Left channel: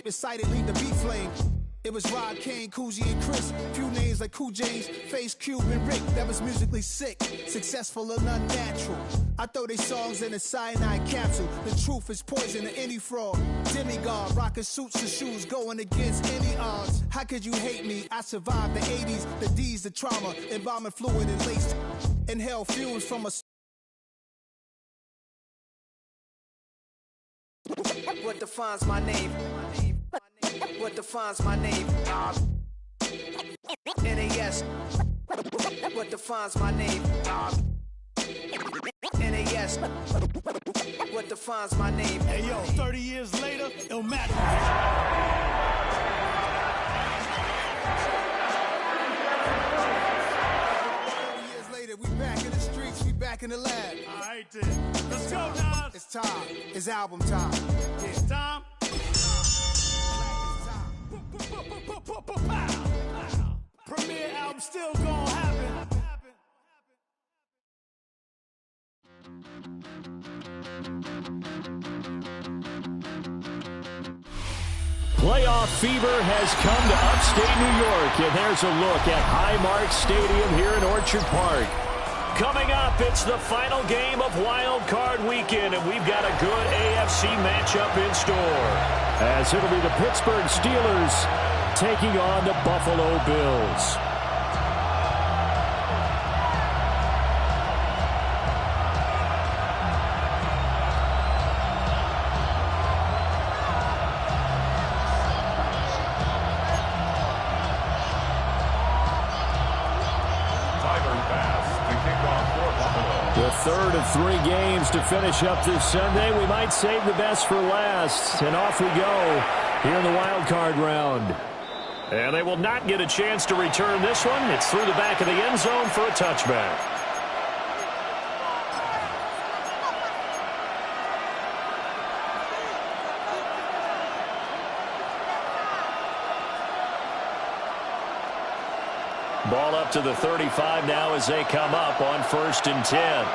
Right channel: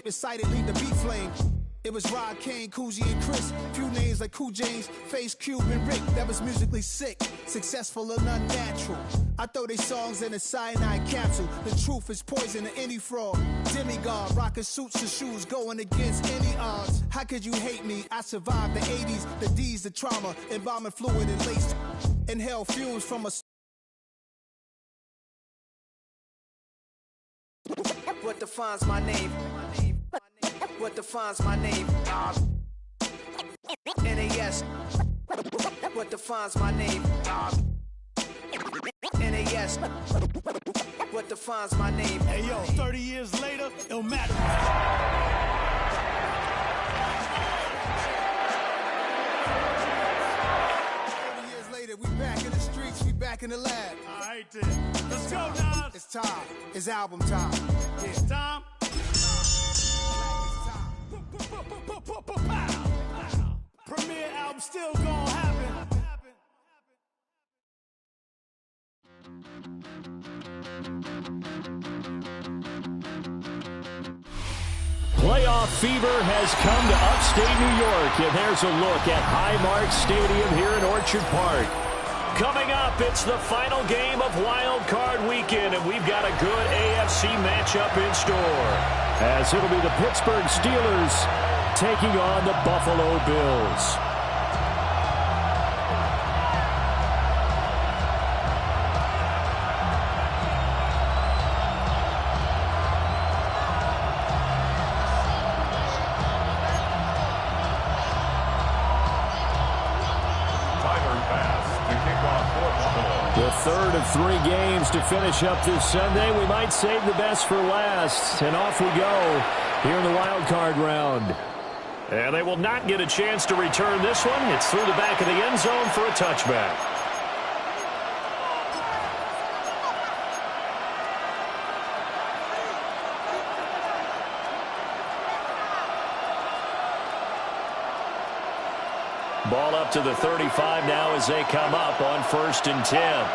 tape recited, leave the beat flame. It was Rod, Kane, Coogee, and Chris. Few names like Cool James, Face, Cube, and Rick. That was musically sick, successful and unnatural. I throw they songs in a cyanide capsule. The truth is poison to any fraud. Demigod, rocking suits and shoes, going against any odds. How could you hate me? I survived the 80s, the D's, the trauma, embalming fluid and laced. Inhale fumes from a... What defines my name? What defines my name? NAS. What defines my name? NAS. What defines my name? Hey yo, 30 years later, it'll matter. 30 years later, we back in the streets, we back in the lab. All right then, let's go, Nas. It's time. It's album time. Yeah, it's time. Premiere album still gonna happen. Playoff fever has come to upstate New York, and there's a look at Highmark Stadium here in Orchard Park. Coming up, it's the final game of Wild Card Weekend, and we've got a good AFC matchup in store, as it'll be the Pittsburgh Steelers taking on the Buffalo Bills. The third of 3 games to finish up this Sunday. We might save the best for last. And off we go here in the wild card round. And they will not get a chance to return this one. It's through the back of the end zone for a touchback. Ball up to the 35 now as they come up on 1st and 10.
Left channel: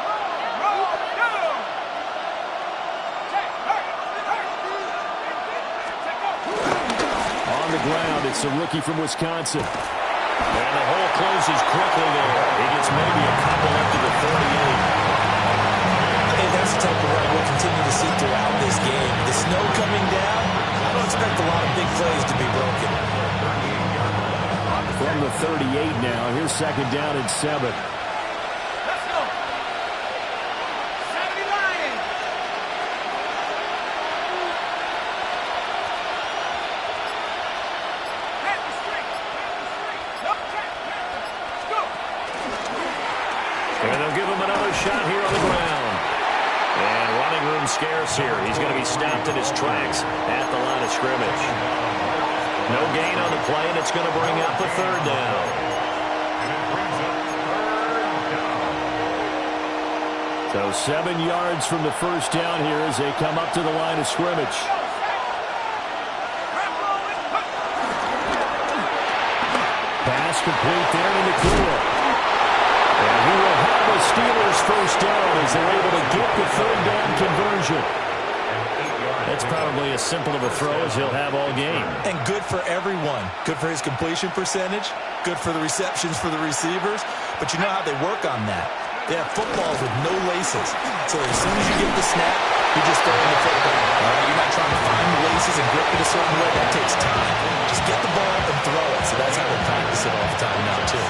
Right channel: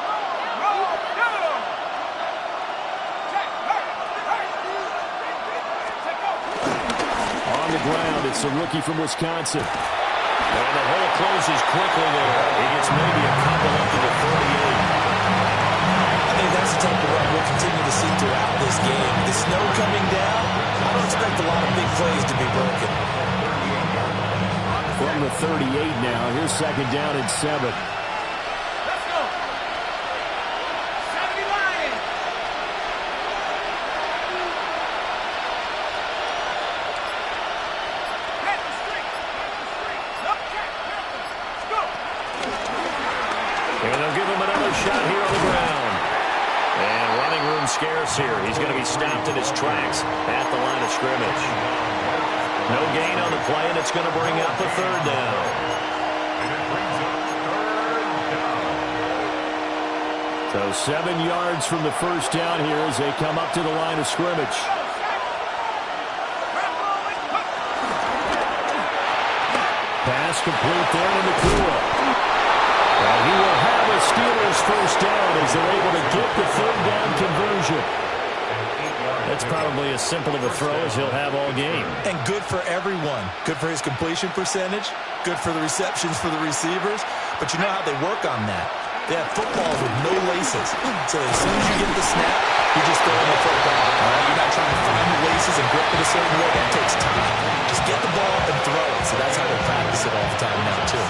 On the ground, it's the rookie from Wisconsin. And the hole closes quickly there. He gets maybe a couple up to the 38. I think that's the type of run we'll continue to see throughout this game. The snow coming down, I don't expect a lot of big plays to be broken. From the 38 now, here's 2nd down and 7. Let's go. 70 Lions. Panther streak. No, Panther. Let's go. And they'll give him another shot here on the ground. And running room scarce here. He's going to be stopped in his tracks at the line of scrimmage. No gain on the play, and it's going to bring up a 3rd down. And it brings up 3rd down. So 7 yards from the 1st down here as they come up to the line of scrimmage. Pass complete there to Nakua. And he will have a Steelers 1st down as they're able to get the 3rd down conversion. That's probably as simple of a throw as he'll have all game. And good for everyone. Good for his completion percentage. Good for the receptions for the receivers. But you know how they work on that. They have footballs with no laces. So as soon as you get the snap, you're just throwing the football. All right? You're not trying to find the laces and grip it a certain way. That takes time. Just get the ball up and throw it. So that's how they practice it all the time now, too.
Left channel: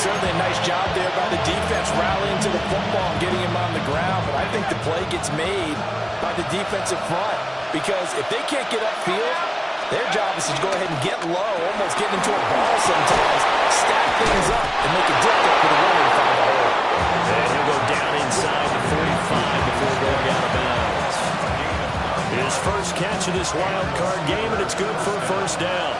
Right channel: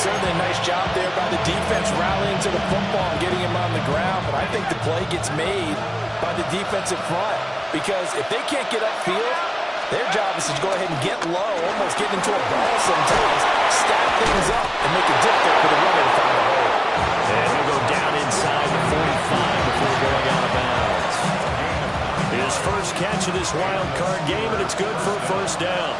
Certainly a nice job there by the defense rallying to the football and getting him on the ground. But I think the play gets made by the defensive front, because if they can't get upfield, their job is to go ahead and get low, almost get into a ball sometimes, stack things up, and make it difficult for the runner to find a hole. And he'll go down inside the 45 before going out of bounds. His first catch of this wild card game, and it's good for a 1st down.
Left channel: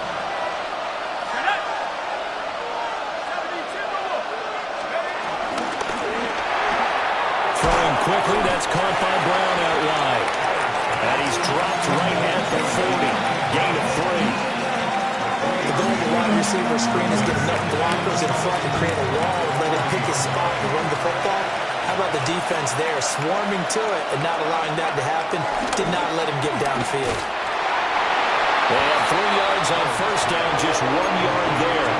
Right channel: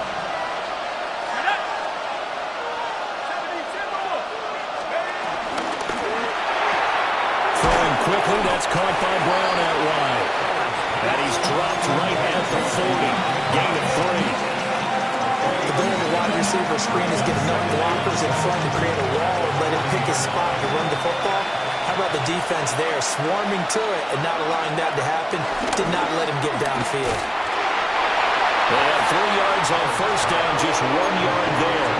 Throwing quickly, that's caught by Brown out wide. And he's dropped right at the 40. Gain of 3. The goal of the wide receiver screen is get enough blockers in front to create a wall and let him pick his spot to run the football. How about the defense there, swarming to it and not allowing that to happen? Did not let him get downfield. They have 3 yards on first down, just 1 yard there.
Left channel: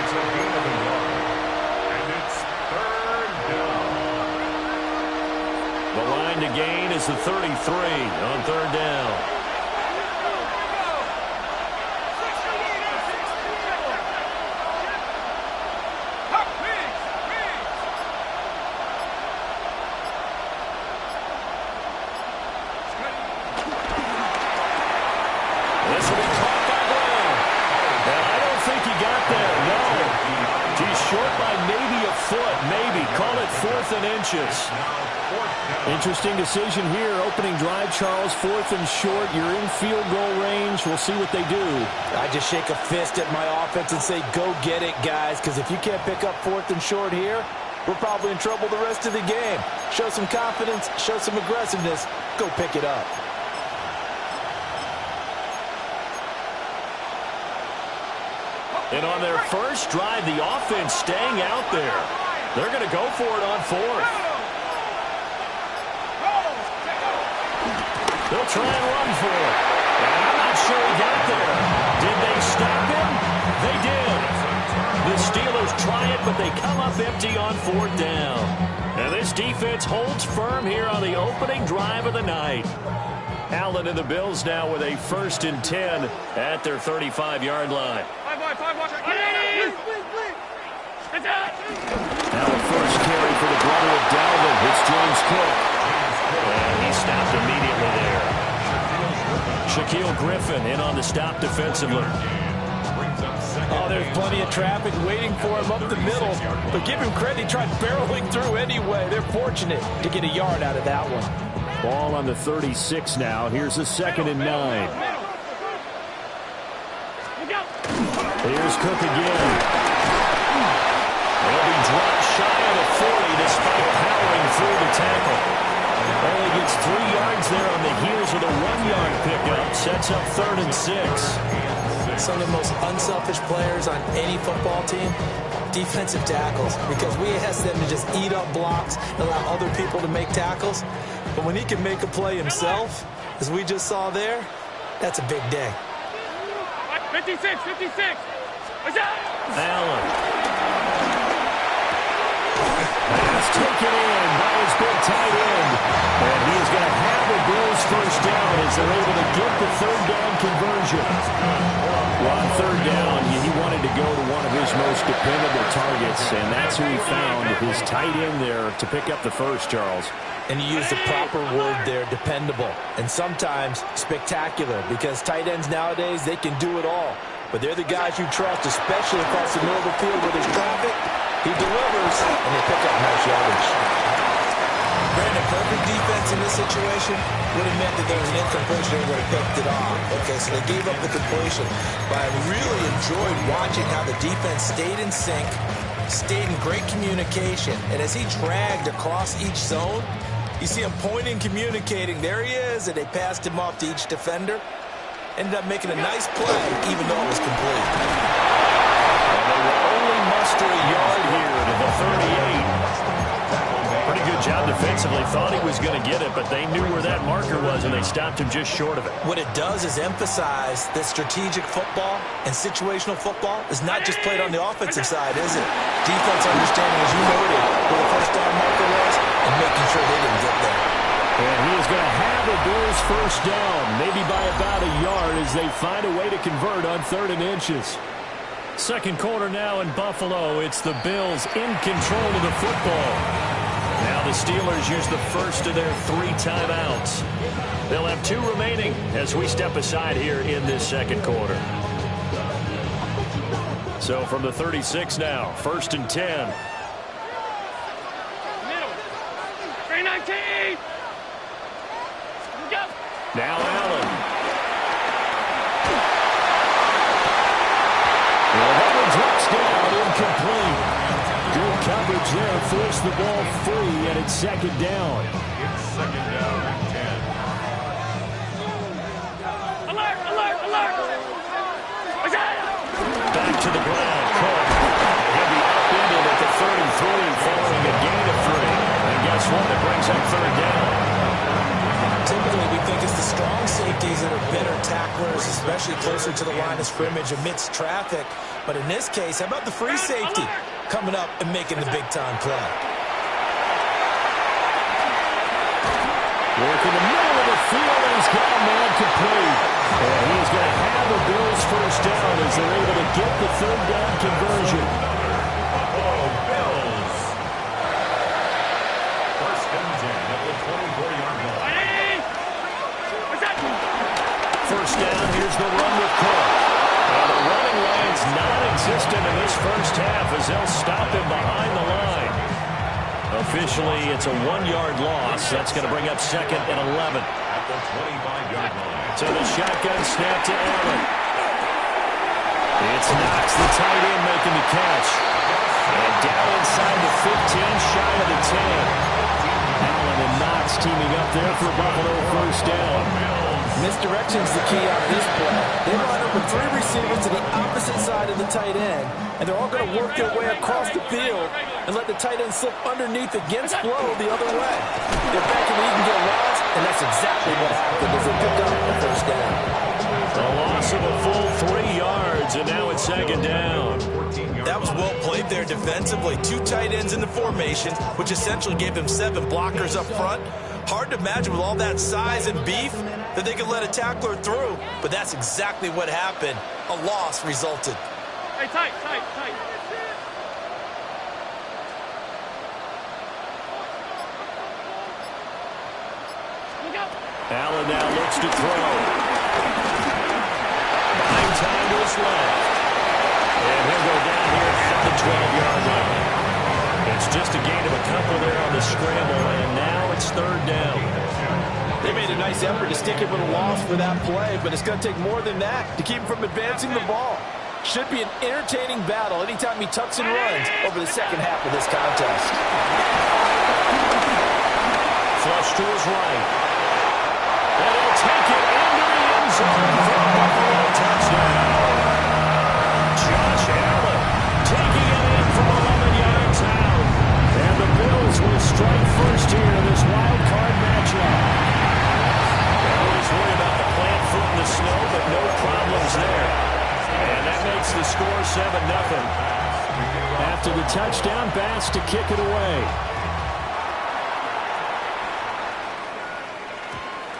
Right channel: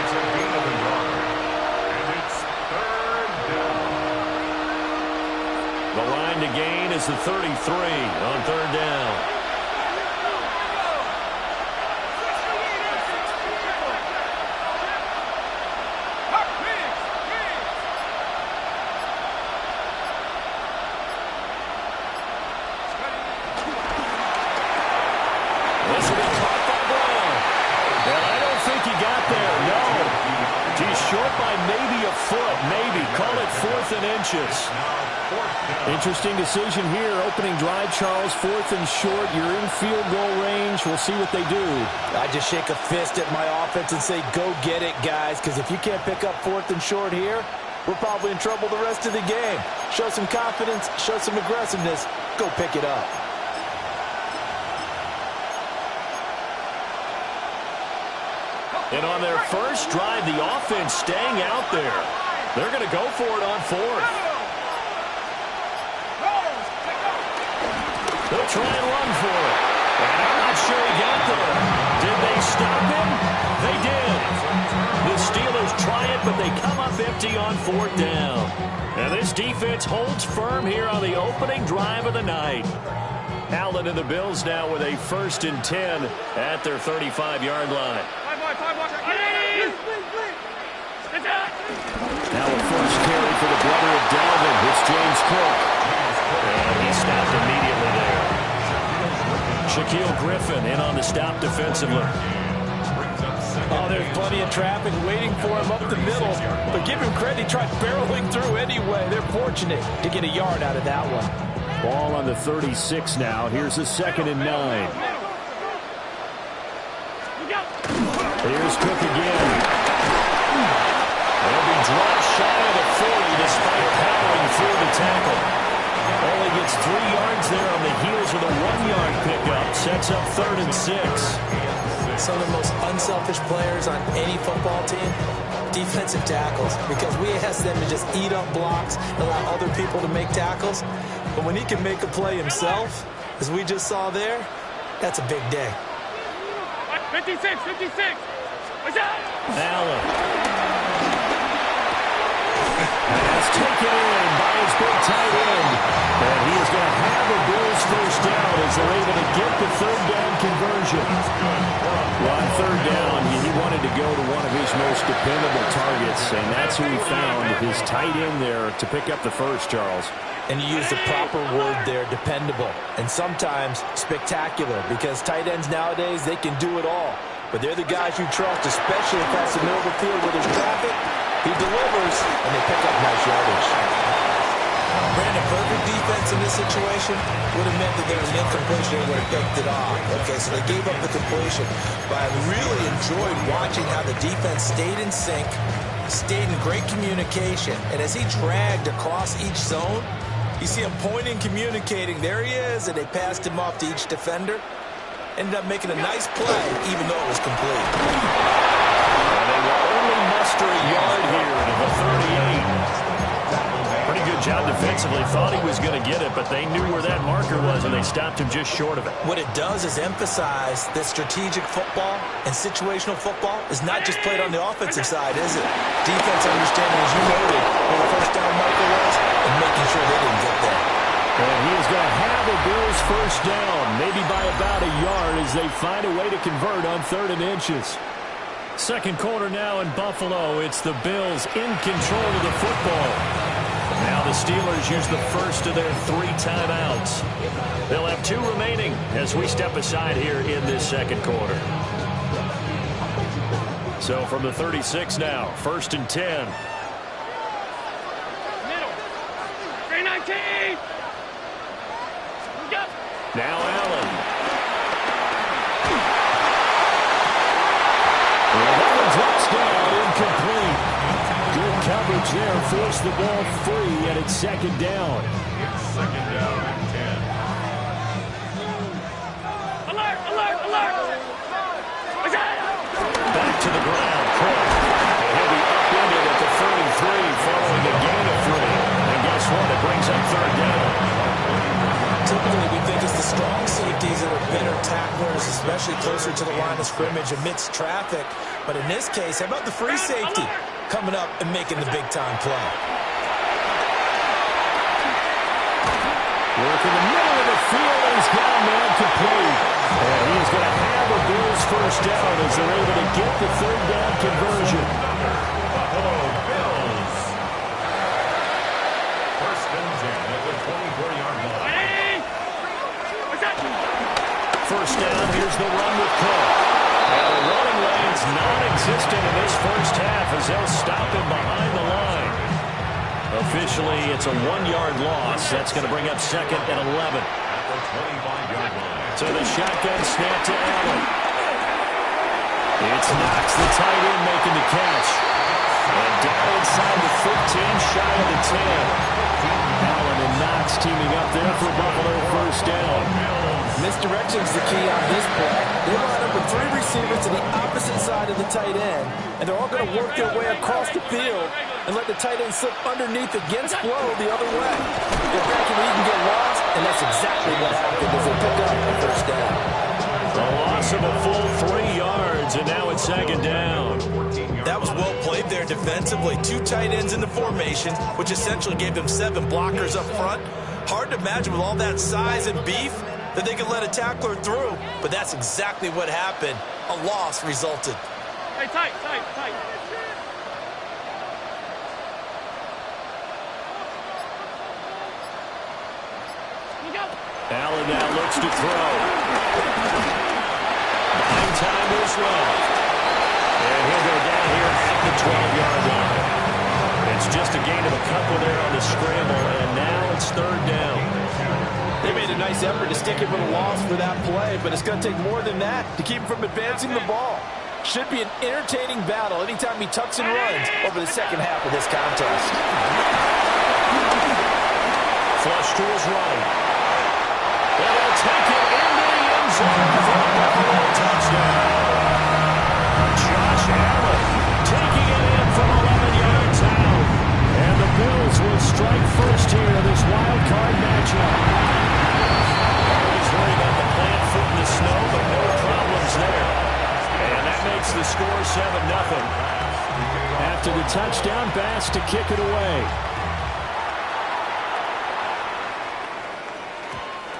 It's a gain of a yard, and it's third down. The line to gain is the 33 on third down. This will be caught by Brown. And I don't think he got there. No. He's short by maybe a foot. Maybe. Call it 4th and inches. Interesting decision here. Opening drive, Charles. 4th and short. You're in field goal range. We'll see what they do. I just shake a fist at my offense and say, go get it, guys. Because if you can't pick up 4th and short here, we're probably in trouble the rest of the game. Show some confidence. Show some aggressiveness. Go pick it up. And on their first drive, the offense staying out there. They're going to go for it on 4th. They'll try and run for it. And I'm not sure he got there. Did they stop him? They did. The Steelers try it, but they come up empty on 4th down. And this defense holds firm here on the opening drive of the night. Allen and the Bills now with a 1st and 10 at their 35-yard line. Now a first carry for the brother of Dalvin. It's James Cook. And he stopped immediately there. Shaquille Griffin in on the stop defensively. Oh, there's plenty of traffic waiting for him up the middle. But give him credit, he tried barreling through anyway. They're fortunate to get a yard out of that one. Ball on the 36 now. Here's a 2nd and 9. Here's Cook again. He'll be dropped shy of the 40 despite powering through the tackle. Only gets 3 yards there on the heels of the 1-yard pickup. Sets up 3rd and 6. Some of the most unselfish players on any football team, defensive tackles, because we ask them to just eat up blocks and allow other people to make tackles. But when he can make a play himself, as we just saw there, that's a big day. 56. Allen. Pass taken in by his big tight end. And he is going to have a Bills first down as they're able to get the 3rd down conversion. Well, on 3rd down, he wanted to go to one of his most dependable targets, and that's who he found, his tight end there, to pick up the first, Charles. And you use the proper word there, dependable, and sometimes spectacular, because tight ends nowadays, they can do it all. But they're the guys you trust, especially across the middle of the field where there's traffic. He delivers, and they pick up nice yardage. Brandon, perfect defense in this situation would have meant that there was an incompletion and would have picked it off. Okay, so they gave up the completion. But I really enjoyed watching how the defense stayed in sync, stayed in great communication, and as he dragged across each zone, you see him pointing, communicating. There he is, and they passed him off to each defender. Ended up making a nice play, even though it was complete. And they will only muster a yard here to the 38. Pretty good job defensively. Thought he was going to get it, but they knew where that marker was, and they stopped him just short of it. What it does is emphasize that strategic football and situational football is not just played on the offensive side, is it? Defense understanding, as you noted, where the first down marker was and making sure they didn't get there. And he is going to have a Bills first down, maybe by about a yard as they find a way to convert on 3rd and inches. Second quarter now in Buffalo. It's the Bills in control of the football. Now the Steelers use the first of their 3 timeouts. They'll have 2 remaining as we step aside here in this second quarter. So from the 36 now, 1st and 10. Middle. 319. Go. Now Allen. Well, that one drops down, incomplete. Good coverage there, forced the ball free, and it's 2nd down. It's 2nd down and 10. Alert, alert, alert. Back to the ground, Cook. And he'll be upended at the 33 following a gain of 3. And guess what? It brings up 3rd down. typically we think it's the strong safeties that are better tacklers, especially closer to the line of scrimmage amidst traffic. But in this case, how about the free safety coming up and making the big-time play? Work in the middle of the field, and he's got a man complete. And he is going to have a Bills first down as they're able to get the third down conversion. Buffalo Bills. First and 10 at the 24-yard line. First down, here's the run with Cook. And the running lane's non-existent in this first half as they'll stop him behind the line. Officially, it's a 1-yard loss. That's going to bring up second and 11. At the 25-yard line. So the shotgun snap to Allen. It's Knox, the tight end, making the catch. And down inside the 15, shy of the 10. Allen and Knox teaming up there for Buffalo first down. Misdirection's the key on this play. They line up with 3 receivers to the opposite side of the tight end, and they're all going to work their way across the field and let the tight end slip underneath against flow the other way. If back in the he can get lost, and that's exactly what happened as they pick up the first down. A loss of a full 3 yards, and now it's second down. That was well played there defensively. 2 tight ends in the formation, which essentially gave them 7 blockers up front. Hard to imagine with all that size and beef that they could let a tackler through, but that's exactly what happened. A loss resulted. Hey, tight. Look out. Allen now looks to throw. Buying time to his left. And he'll go down here at the 12-yard line. It's just a gain of a couple there on the scramble, and now it's third down. They made a nice effort to stick him with a loss for that play, but it's going to take more than that to keep him from advancing the ball. Should be an entertaining battle anytime he tucks and runs over the second half of this contest. Flush to his right. And he'll take it into the end zone for a Buffalo touchdown. Josh Allen taking it in from 11 yards out. And the Bills will strike first here in this wild card matchup. Always worry about the plant foot in the snow, but no problems there. And that makes the score 7-0. After the touchdown, Bass to kick it away.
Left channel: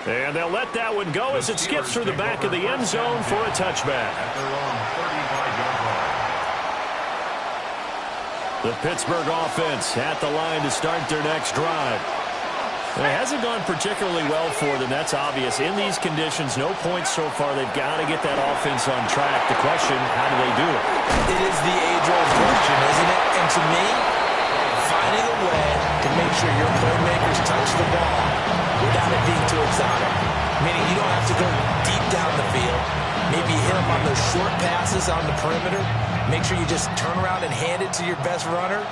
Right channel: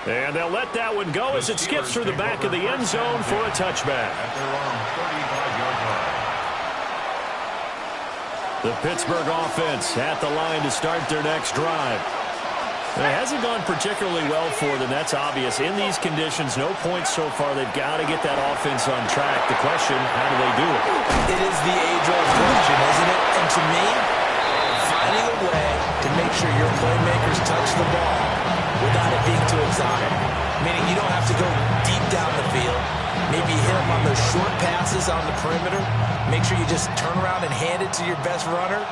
And they'll let that one go as it skips through the back of the end zone for a touchback. At their own 35-yard line. The Pittsburgh offense at the line to start their next drive. It hasn't gone particularly well for them, that's obvious. In these conditions, no points so far. They've got to get that offense on track. The question, how do they do it? It is the age-old question, isn't it? And to me, finding a way to make sure your playmakers touch the ball without it being too exotic. Meaning you don't have to go deep down the field. Maybe hit them on those short passes on the perimeter. Make sure you just turn around and hand it to your best runner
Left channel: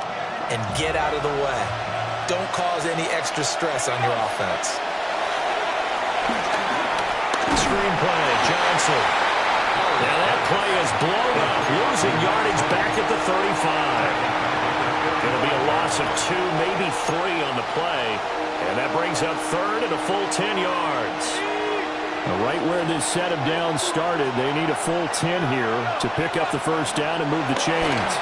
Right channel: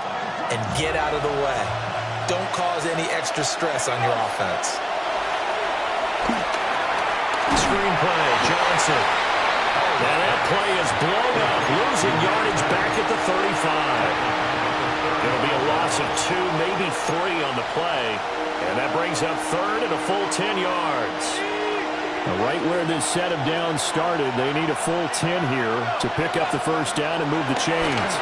and get out of the way. Don't cause any extra stress on your offense. Screenplay, Johnson. Now that play is blown up, losing yardage back at the 35. It'll be a loss of 2, maybe 3 on the play. And that brings up third and a full 10 yards. Right where this set of downs started, they need a full 10 here to pick up the first down and move the chains.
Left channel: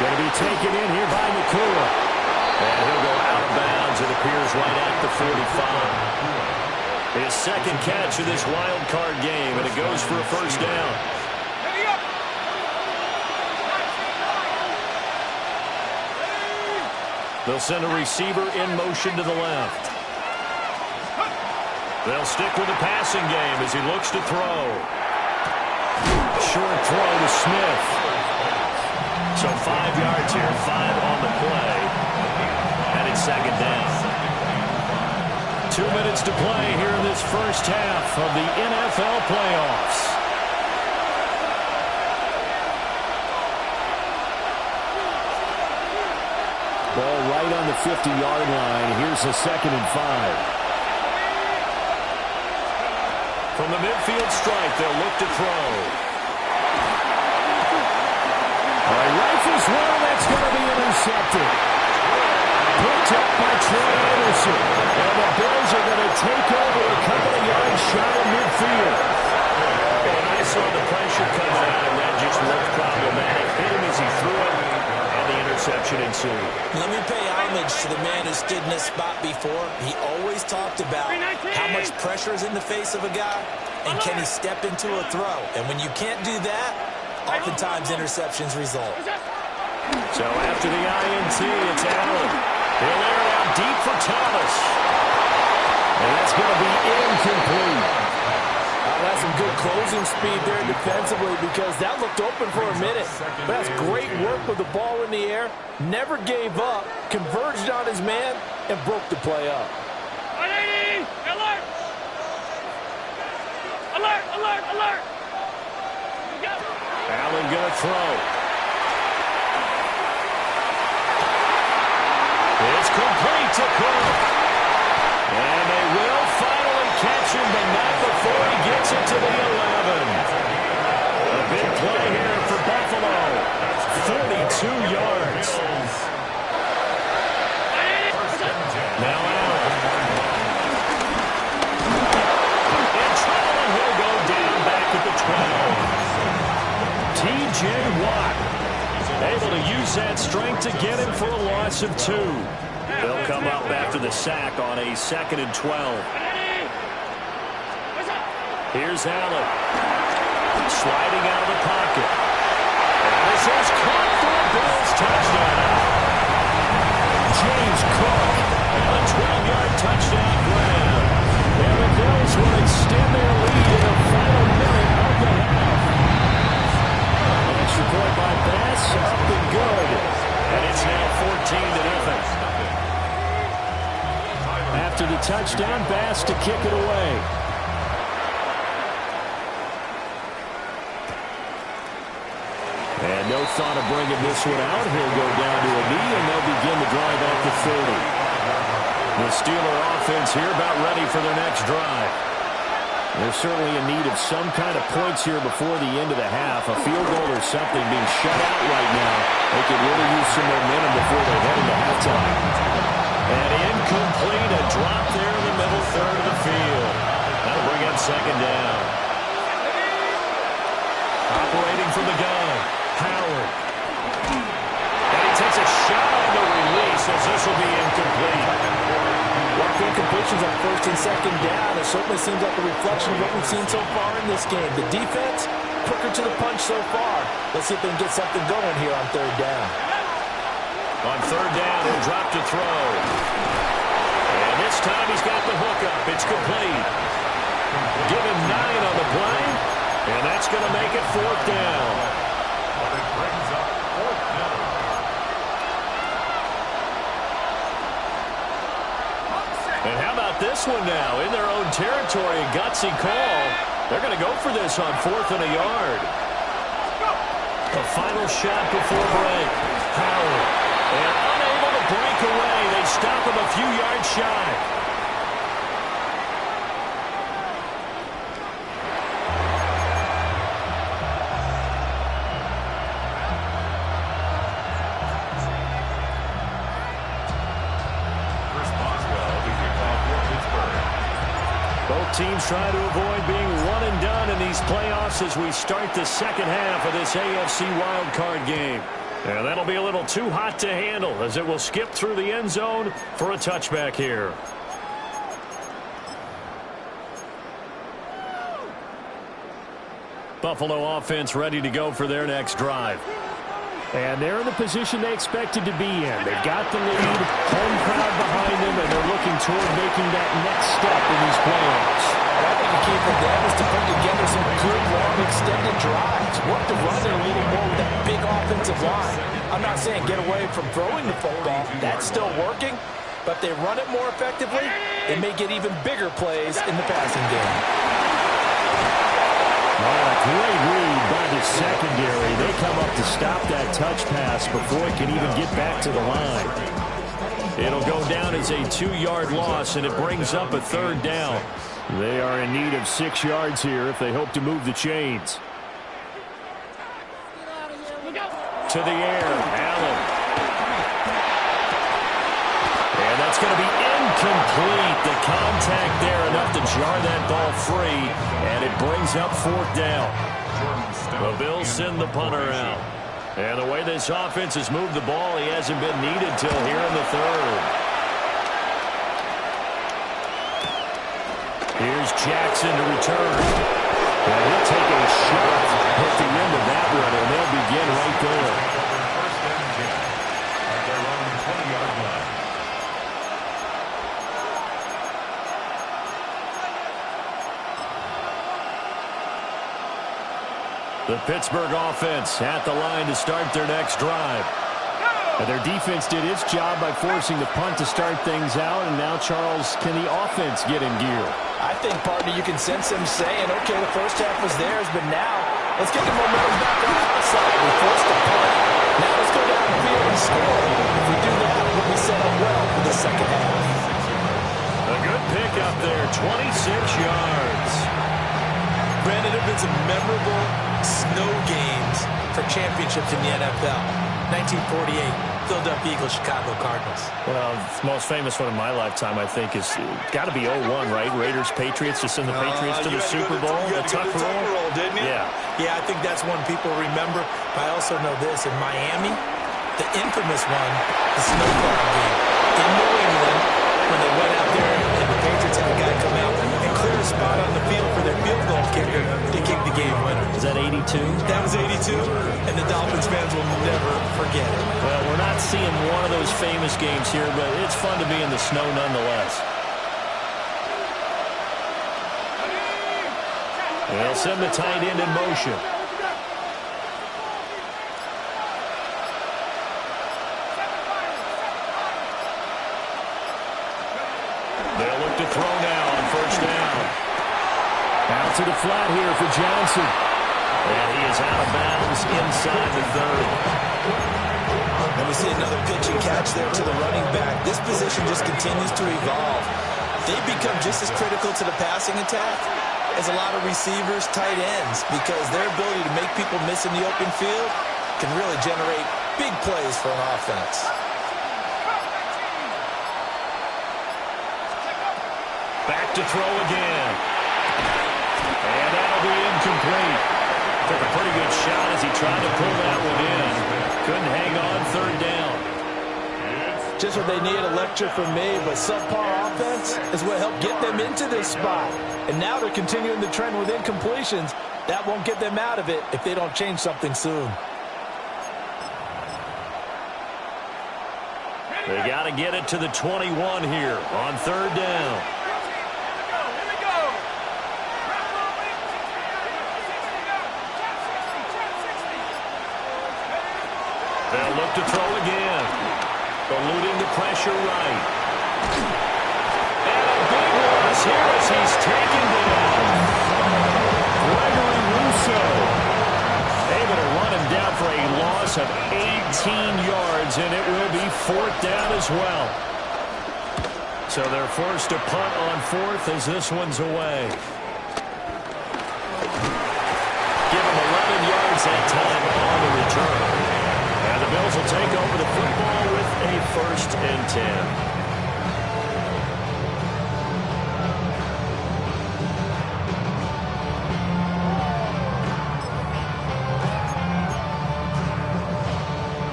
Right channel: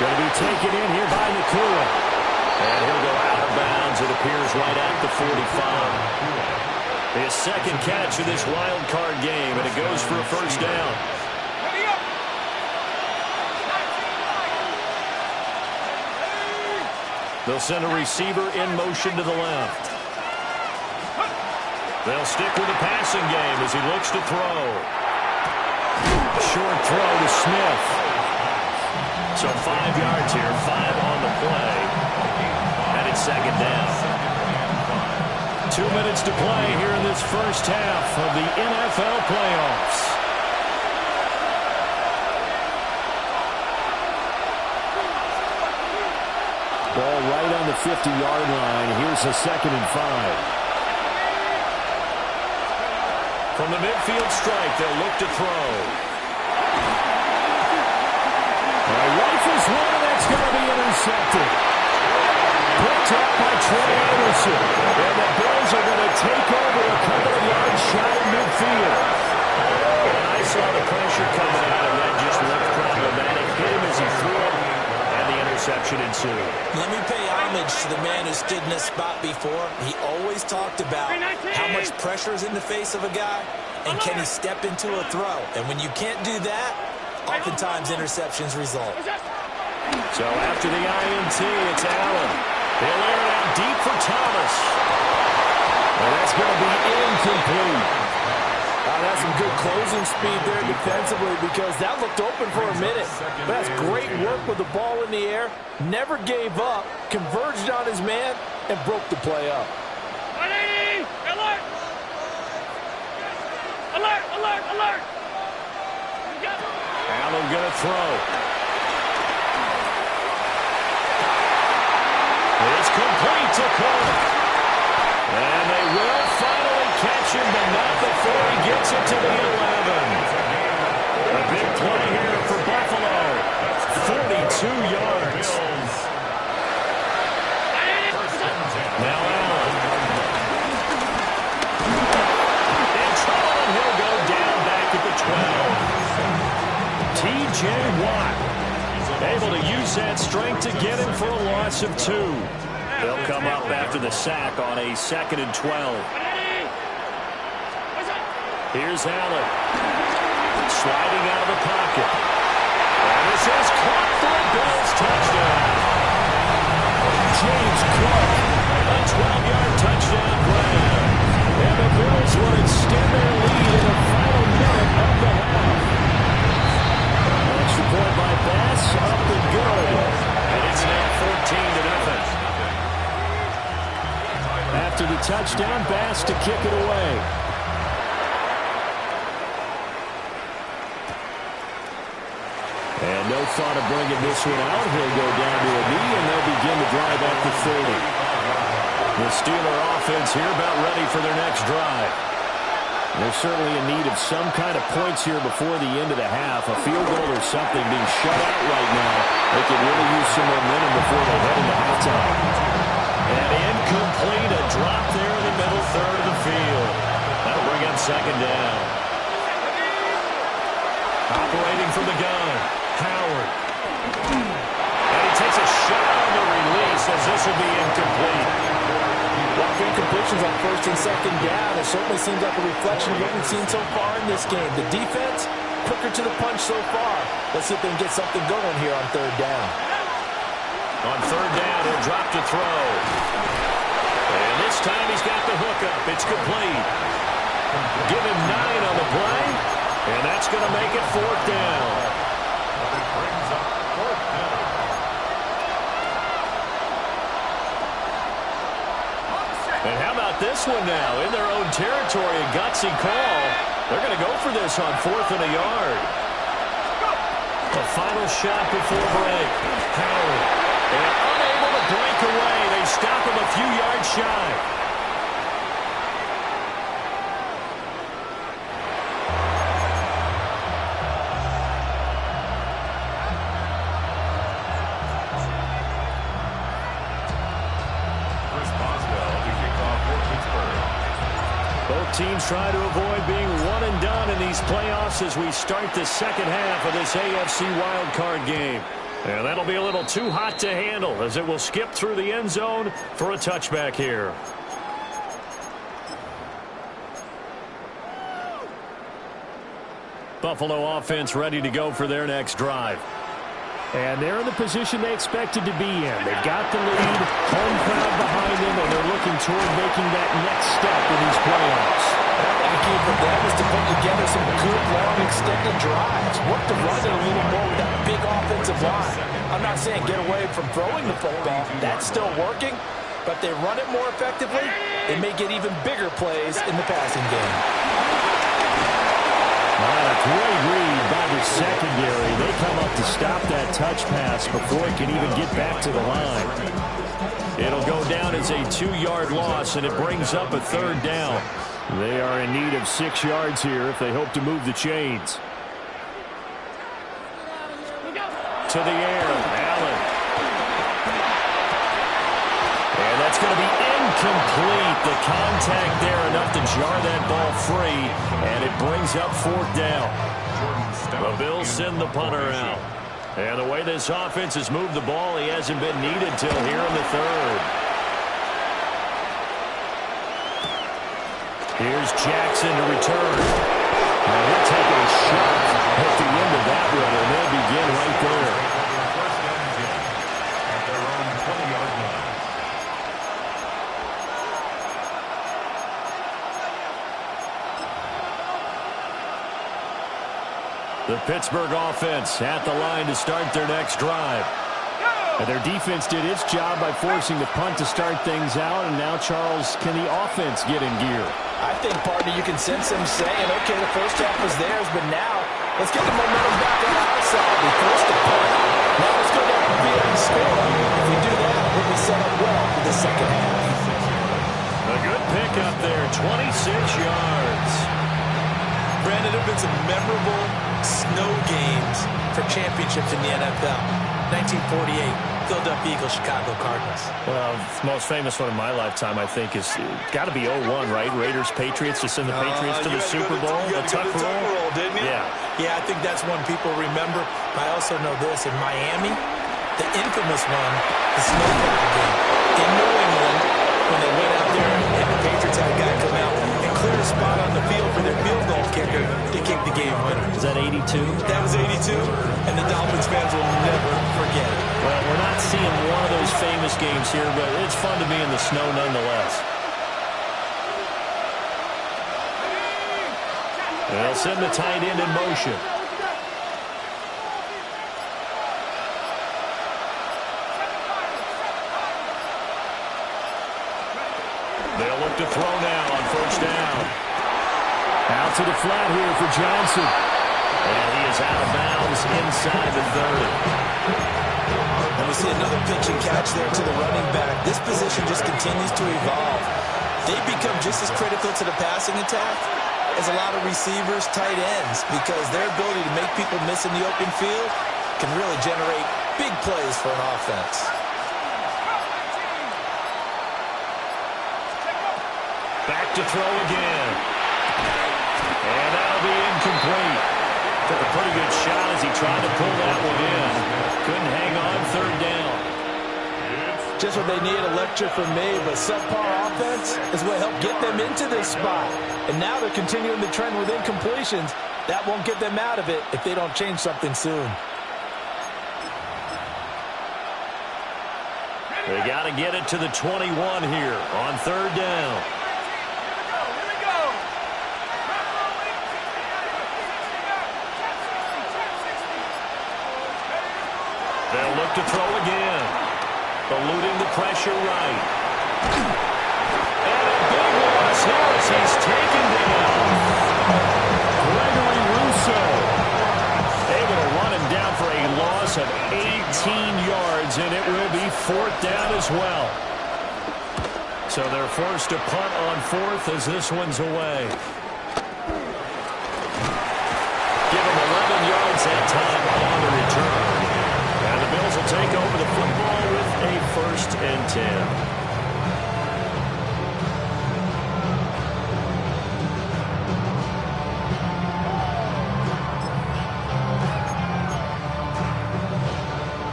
Going to be taken in here by Nakua. And he'll go out of bounds, it appears, right at the 45. His second catch of this wild card game, and it goes for a first down. They'll send a receiver in motion to the left. They'll stick with the passing game as he looks to throw. Short throw to Smith. So 5 yards here, 5 on the play. And it's second down. 2 minutes to play here in this first half of the NFL playoffs. Ball right on the 50-yard line. Here's a 2nd and 5. From the midfield stripe, they'll look to throw. All right, rifles one, that's going to be intercepted. picked up by Troy Anderson. And the Bills are going to take over a couple of yards shy of midfield. And I saw the pressure coming out, and that just looked problematic. Hit him as he threw it, and the interception ensued. Let me pay homage to the man who stood in this spot before. He always talked about how much pressure is in the face of a guy, and can he step into a throw. And when you can't do that, oftentimes interceptions result. So after the INT, it's Allen. He'll air it out deep for Thomas. And that's going to be incomplete. That's some good closing speed there defensively, because that looked open for a minute. But that's great work with the ball in the air. Never gave up, converged on his man, and broke the play up. 180! Alert! Alert, alert, alert! Allen going to throw. It's complete to Cook. And they will finally catch him, but not before he gets it to the 11. A big play here for Buffalo. 42 yards. Now Allen. In trouble, and he'll go down back at the 12. T.J. Watt able to use that strength to get him for a loss of 2. They'll come up after the sack on a 2nd and 12. Here's Allen. Sliding out of the pocket. And this is caught for a Bills touchdown. James Cook, a 12-yard touchdown grab. And the Bills will extend their lead in the final minute of the half. An extra point by Bass, up and good. And it's now 14-0. After the touchdown, Bass to kick it away. And no thought of bringing this one out. He'll go down to a knee, and they'll begin the drive at the 30. The Steeler offense here about ready for their next drive. They're certainly in need of some kind of points here before the end of the half. A field goal or something being shut out right now. They could really use some momentum before they head into halftime. And incomplete, a drop there in the middle third of the field. That'll bring up 2nd down. Operating from the gun, Howard. And he takes a shot on the release as this will be incomplete. Rough incompletions on 1st and 2nd down. It certainly seems like a reflection of what we've seen so far in this game. The defense, quicker to the punch so far. Let's see if they can get something going here on 3rd down. On 3rd down, he'll drop to throw. And this time he's got the hook up. It's complete. Give him 9 on the play. And that's going to make it 4th down. But it brings up 4th down. And how about this one now? In their own territory, a gutsy call. They're going to go for this on 4th and a yard. The final shot before break. Howard. And unable to break away. They stop him a few yards shy. Both teams try to avoid being one and done in these playoffs as we start the 2nd half of this AFC wildcard game. And that'll be a little too hot to handle as it will skip through the end zone for a touchback here. Buffalo offense ready to go for their next drive. And they're in the position they expected to be in. They've got the lead, home crowd behind them, and they're looking toward making that next step in these playoffs. And I think the key for them is to put together some good, long, extended drives. Work the run a little more with that big offensive line. I'm not saying get away from throwing the football. That's still working. But if they run it more effectively, they may get even bigger plays in the passing game. A great read by the secondary. They come up to stop that touch pass before it can even get back to the line. It'll go down as a 2-yard loss, and it brings up a 3rd down. They are in need of 6 yards here if they hope to move the chains. To the air, Allen. That's going to be incomplete. The contact there enough to jar that ball free, and it brings up 4th down. The Bills send the punter out. And the way this offense has moved the ball, he hasn't been needed till here in the 3rd. Here's Jackson to return. And he'll take a shot at the end of that run, and they'll begin right there. First and 10 at their own 20-yard line. The Pittsburgh offense at the line to start their next drive. And their defense did its job by forcing the punt to start things out. And now, Charles, can the offense get in gear? I think, partner, you can sense them saying, okay, the first half was theirs, but now let's get the momentum back on our side. We forced the punt. Now let's go down the field and score. If we do that, we'll be set up well for the second half. A good pick up there, 26 yards. Brandon, there have been some memorable snow games for championships in the NFL. 1948, Philadelphia Eagles, Chicago Cardinals. Well, the most famous one in my lifetime, I think, is got to be 01, right? Raiders, Patriots, to send the Patriots to the Super Bowl. You had to go to the Tuck Roll, didn't you? Yeah. Yeah, I think that's one people remember. But I also know this. In Miami, the infamous one, the snowplow game. In New England, when they went out there and the Patriots had a guy come out and clear a spot on the field for their field goal kicker to kick the game winner. Is that 82? That was 82, and the Dolphins fans will never forget it. Well, we're not seeing one of those famous games here, but it's fun to be in the snow nonetheless. They'll send the tight end in motion. They'll look to throw now on first down. Out to the flat here for Johnson. And he is out of bounds inside the 30. And we see another pitch and catch there to the running back. This position just continues to evolve. They've become just as critical to the passing attack as a lot of receivers, tight ends, because their ability to make people miss in the open field can really generate big plays for an offense. Back to throw again. And that'll be incomplete. Took a pretty good shot as he tried to pull that one in. Couldn't hang on, 3rd down. Just what they need, a lecture from me, but subpar offense is what helped get them into this spot. And now they're continuing the trend with incompletions. That won't get them out of it if they don't change something soon. They got to get it to the 21 here on 3rd down. They'll look to throw again. Eluding the pressure right. And a big loss here as he's taken down. Gregory Rousseau able to run him down for a loss of 18 yards, and it will be 4th down as well. So they're forced to punt on 4th as this one's away. Give him 11 yards that time on the return. And the Bills will take over the football with a 1st and 10.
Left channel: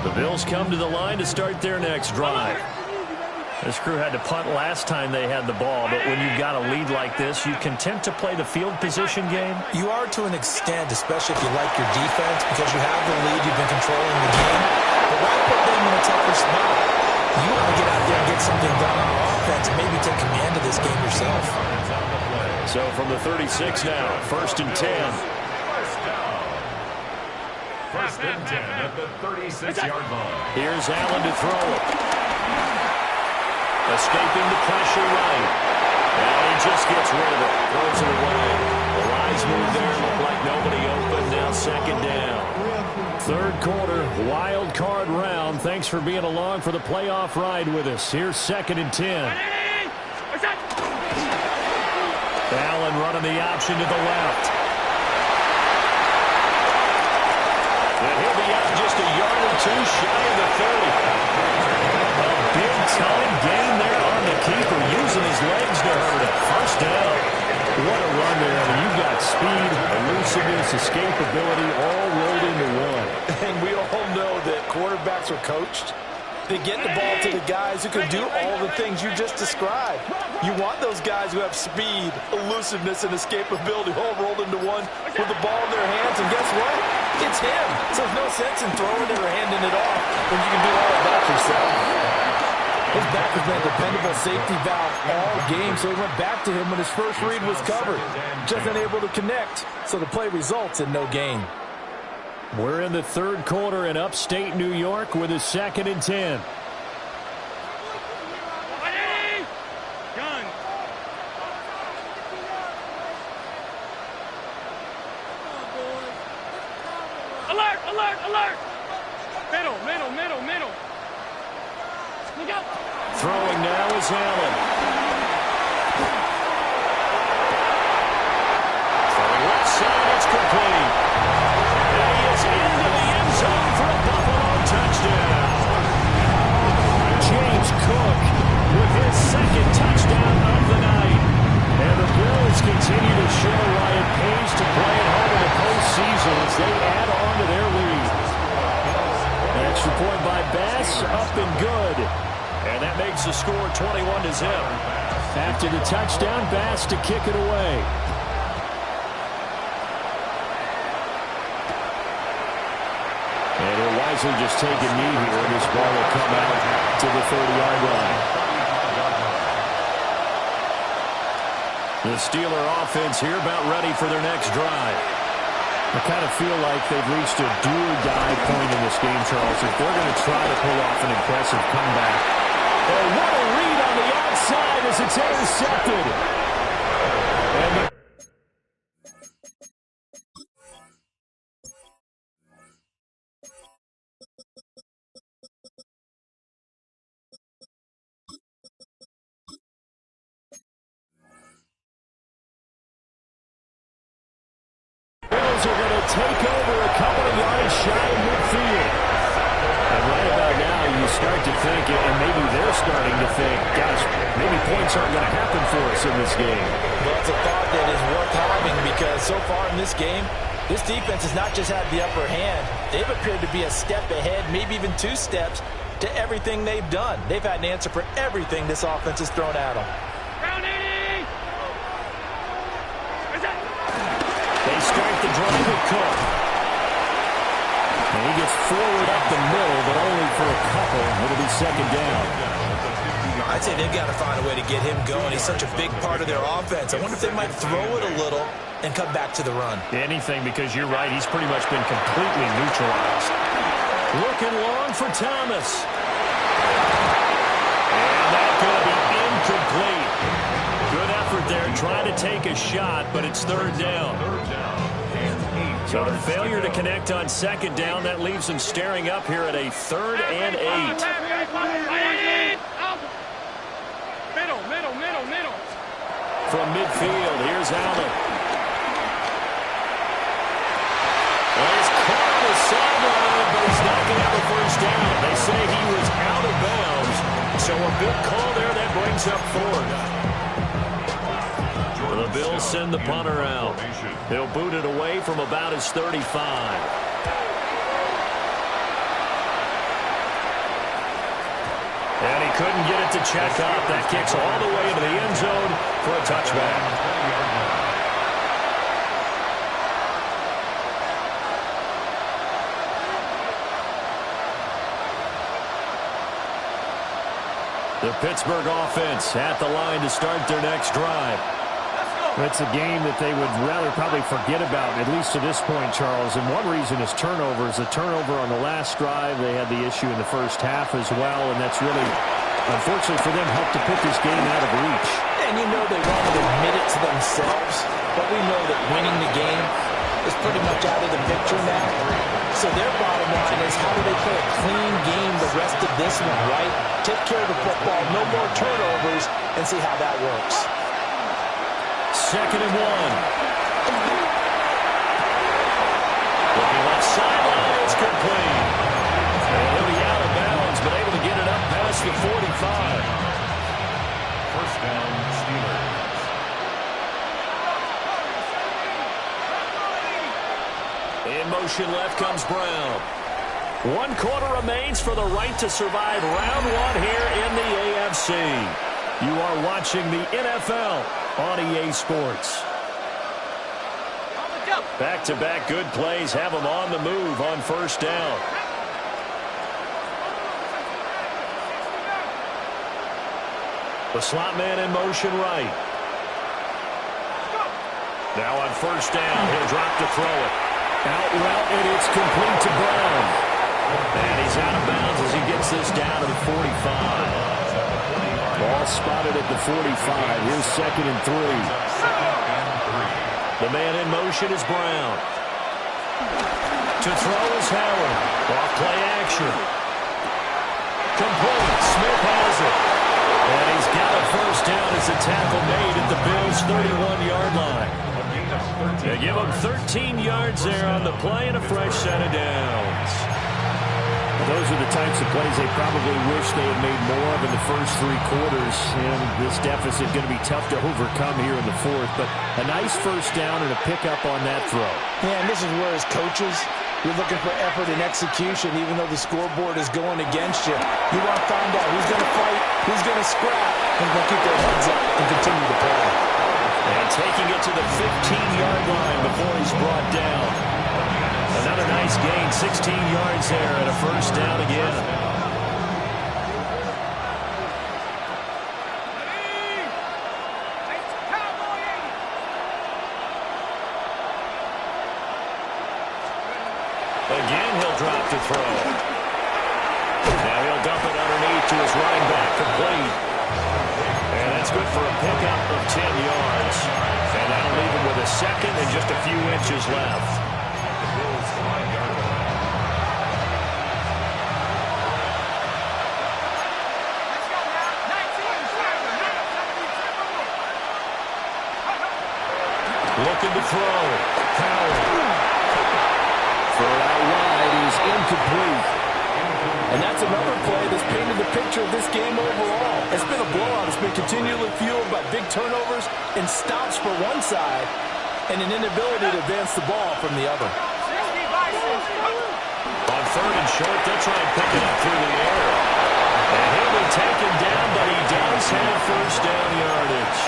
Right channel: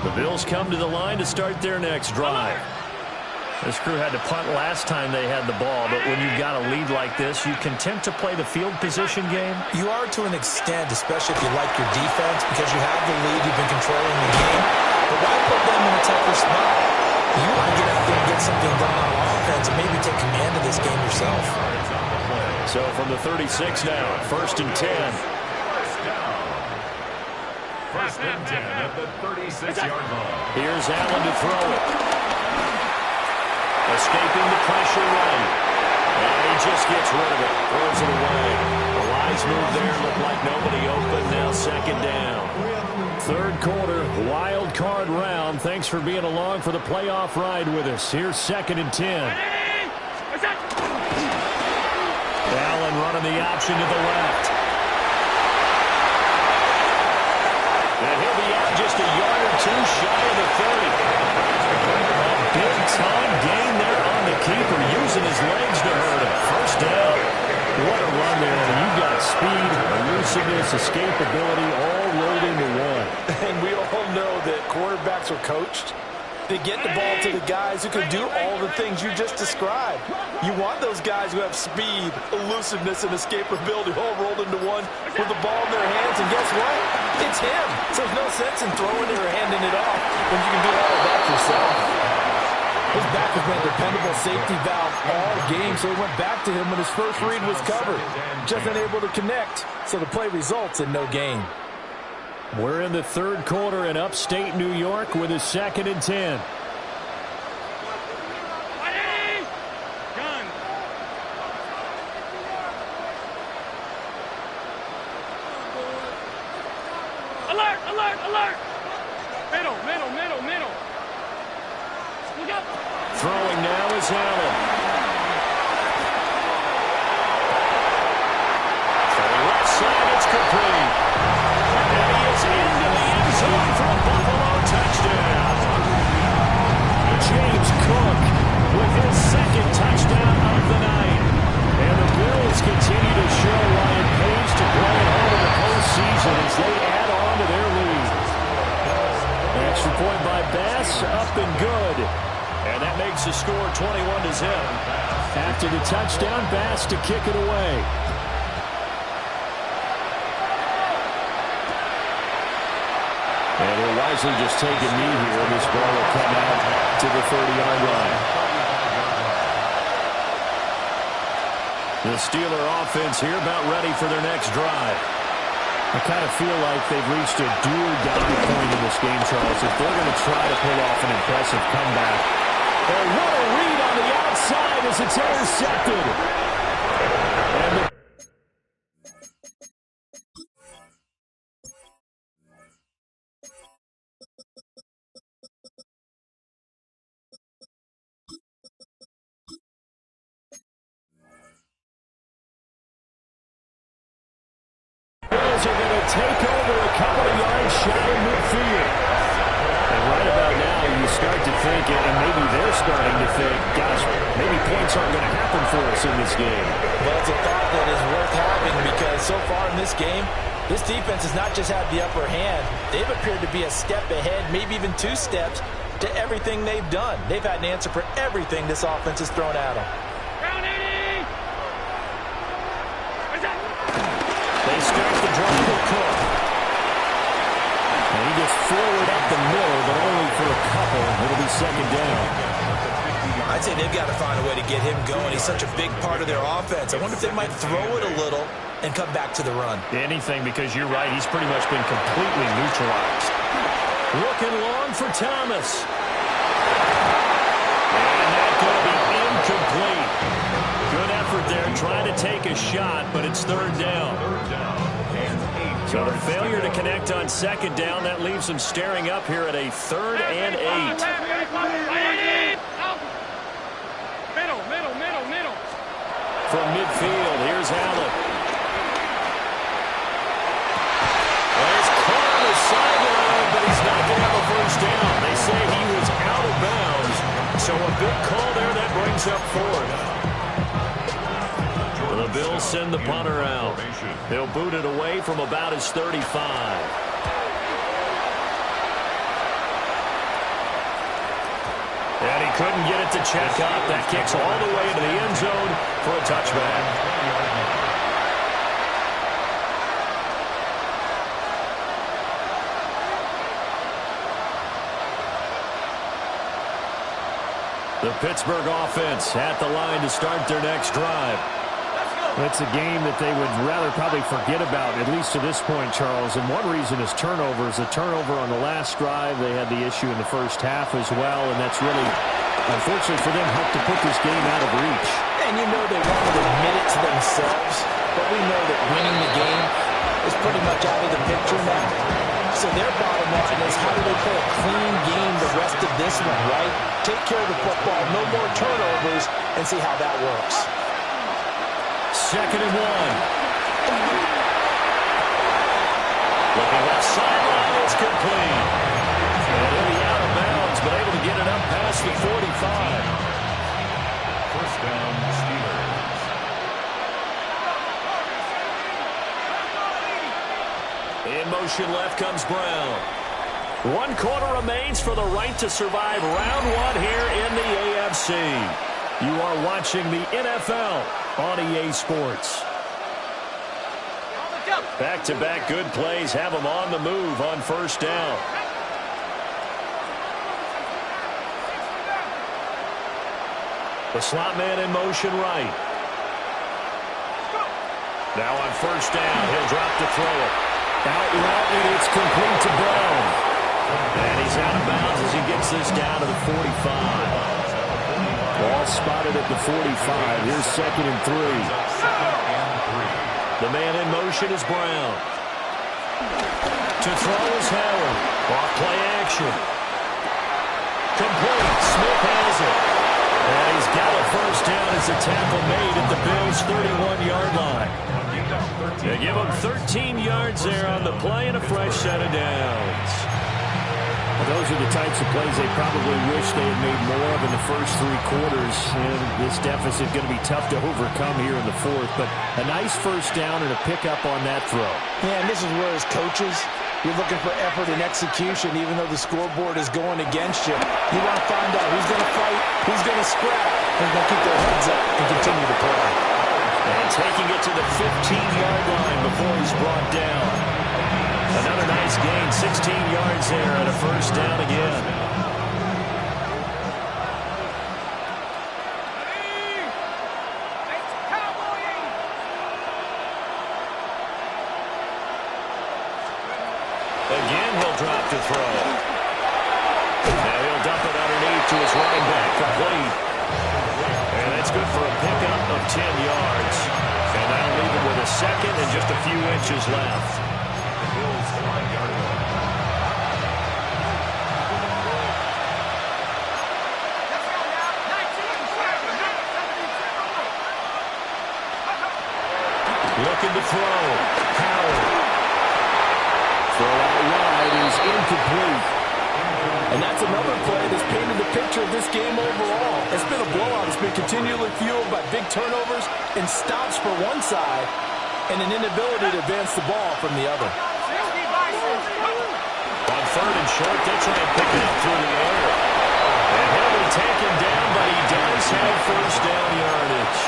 The Bills come to the line to start their next drive. This crew had to punt last time they had the ball, but when you've got a lead like this, you content to play the field position game? You are to an extent, especially if you like your defense, because you have the lead, you've been controlling the game. But why put them in a tougher spot? You want to get out there and get something done on offense and maybe take command of this game yourself. So from the 36 now, 1st and 10. First and 10 at the 36-yard line. Here's Allen to throw it. Escaping the pressure right. And he just gets rid of it. Throws it away. The wise move there. Looked like nobody open. Now 2nd down. 3rd quarter, wild card round. Thanks for being along for the playoff ride with us. Here's 2nd and 10. Allen running the option to the left. And he'll be out just a yard or two shy of the 30. A big-time gain there the keeper using his legs to hurt him. First down. What a run there. I mean, you've got speed, elusiveness, escapability all rolled into one. And we all know that quarterbacks are coached to get the ball to the guys who can do all the things you just described. You want those guys who have speed, elusiveness, and escapability all rolled into one with the ball in their hands. And guess what? It's him. So there's no sense in throwing it or handing it off when you can do all of that yourself. His back has been a dependable safety valve all game, so he went back to him when his first read was covered. Just unable to connect, so the play results in no gain. We're in the third quarter in upstate New York with a 2nd and 10. Gun. Alert, alert, alert. Middle, middle, middle, middle. Look out. Throwing now is Allen. Throwing left side, it's complete. And he is into the end zone for a Buffalo touchdown. James Cook with his 2nd touchdown of the night. And the Bills continue to show why it pays to play at home in the postseason as they add on to their lead. Extra point by Bass, up and good. And that makes the score 21-0. After the touchdown, Bass to kick it away. And he'll wisely just take a knee here. This ball will come out to the 30-yard line. The Steeler offense here about ready for their next drive. I kind of feel like they've reached a do-or-die point in this game, Charles. If they're going to try to pull off an impressive comeback. Oh, what a read on the outside as it's intercepted. And the Bills are going to take over a couple of yards shy of midfield. And right about now, you start to think, and maybe they're starting to think, gosh, maybe points aren't going to happen for us in this game. Well, it's a thought that is worth having because so far in this game, this defense has not just had the upper hand. They've appeared to be a step ahead, maybe even 2 steps to everything they've done. They've had an answer for everything this offense has thrown at them. Round 80. Where's that? They start the drive with Cook. And he gets forward up the middle, but only for a couple. It'll be 2nd down. I'd say they've got to find a way to get him going. He's such a big part of their offense. I wonder if they might throw it a little and come back to the run. Anything, because you're right. He's pretty much been completely neutralized. Looking long for Thomas. And that's going to be incomplete. Good effort there, trying to take a shot, but it's 3rd down. So the failure to connect on 2nd down, that leaves them staring up here at a 3rd and 8. Middle, middle, middle, middle. From midfield, here's Allen. Well, he's caught on the sideline, but he's not going to have a first down. They say he was out of bounds. So a big call there that brings up 4th. The Bills send the punter out. He'll boot it away from about his 35. And he couldn't get it to check up. That kicks all the way into the end zone for a touchback. The Pittsburgh offense at the line to start their next drive. It's a game that they would rather probably forget about, at least to this point, Charles. And one reason is turnovers. The turnover on the last drive, they had the issue in the first half as well, and that's really, unfortunately for them, helped to put this game out of reach. And you know they won't admit it to themselves, but we know that winning the game is pretty much out of the picture now. So their bottom line is how do they play a clean game the rest of this one, right? Take care of the football, no more turnovers, and see how that works. 2nd and 1. Looking left sideline, it's complete. And he'll be out of bounds, but able to get it up past the 45. Touchdown, Steelers. In motion left comes Brown. 1 quarter remains for the right to survive round 1 here in the AFC. You are watching the NFL on EA Sports. Back-to-back good plays have them on the move on first down. The slot man in motion right. Now on first down, he'll drop to throw it. Out route, and it's complete to Brown. And he's out of bounds as he gets this down to the 45. Ball spotted at the 45. Here's 2nd and 3. The man in motion is Brown. To throw is Howard. Off play action. Complete. Smith has it. And he's got a first down as a tackle made at the Bills' 31-yard line. They give him 13 yards there on the play and a fresh set of downs. Those are the types of plays they probably wish they had made more of in the first 3 quarters. And this deficit going to be tough to overcome here in the 4th. But a nice first down and a pickup on that throw. Yeah, and this is where as coaches, you're looking for effort and execution, even though the scoreboard is going against you. You want to find out who's going to fight, who's going to scrap, who's going to keep their heads up and continue to play. And taking it to the 15-yard line before he's brought down. Another nice gain, 16 yards there and a first down again. Again, he'll drop to throw. Now he'll dump it underneath to his running back, complete. And that's good for a pickup of 10 yards. And that'll leave him with a second and just a few inches left. Looking to throw. Howard. Throw out wide is incomplete. And that's another play that's painted the picture of this game overall. It's been a blowout. It's been continually fueled by big turnovers and stops for one side and an inability to advance the ball from the other. On 3rd and short, they'll try and pick it up through the air. And he'll be taken down, but he does have first down yardage.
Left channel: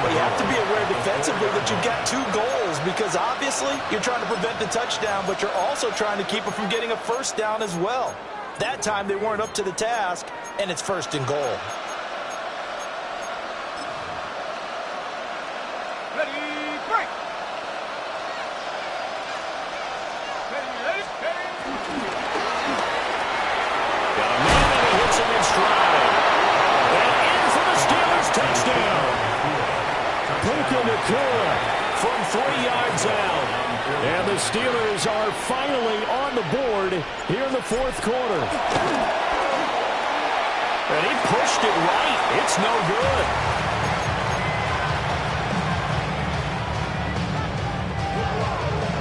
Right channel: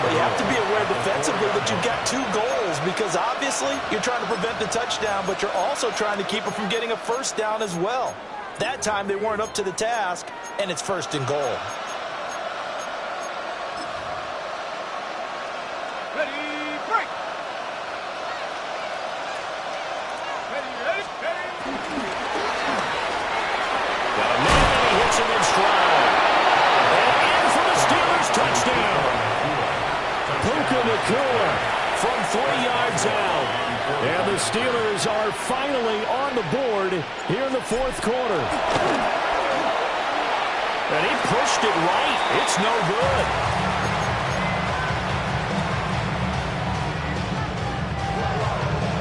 But you have to be aware defensively that you've got 2 goals because obviously you're trying to prevent the touchdown, but you're also trying to keep it from getting a first down as well. That time they weren't up to the task, and it's 1st and goal. Ready, break. Ready. Got a man and he hits him in stride. And in for the Steelers touchdown. Puka Nacua from 3 yards out. And the Steelers are finally on the board here in the 4th quarter. And he pushed it right. It's no good.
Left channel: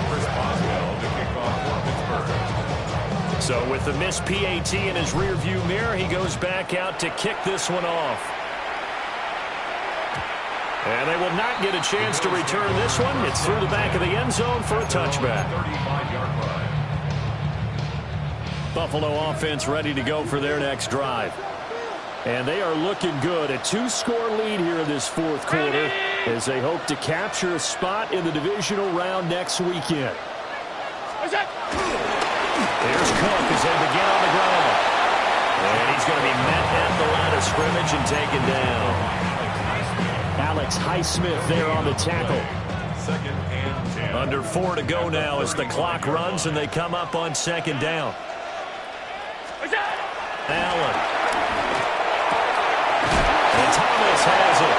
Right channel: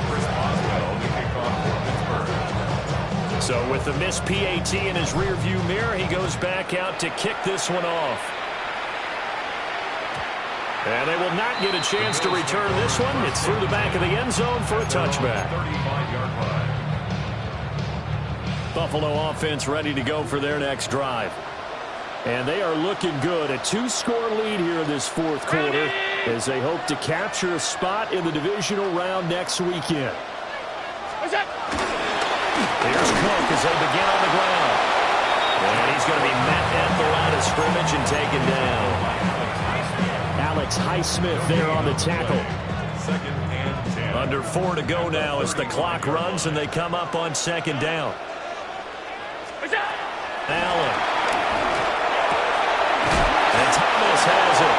Chris Boswell to kick off for Pittsburgh. So with the missed PAT in his rearview mirror, he goes back out to kick this one off. And they will not get a chance to return this one. It's through the back of the end zone for a touchback. 35-yard line. Buffalo offense ready to go for their next drive. And they are looking good. A 2-score lead here in this 4th quarter as they hope to capture a spot in the divisional round next weekend. Here's Cook as they begin on the ground. And he's going to be met at the line of scrimmage and taken down. Alex Highsmith there on the tackle. 2nd and 10. Under 4 to go now as the clock runs and they come up on 2nd down. Allen. And Thomas has it.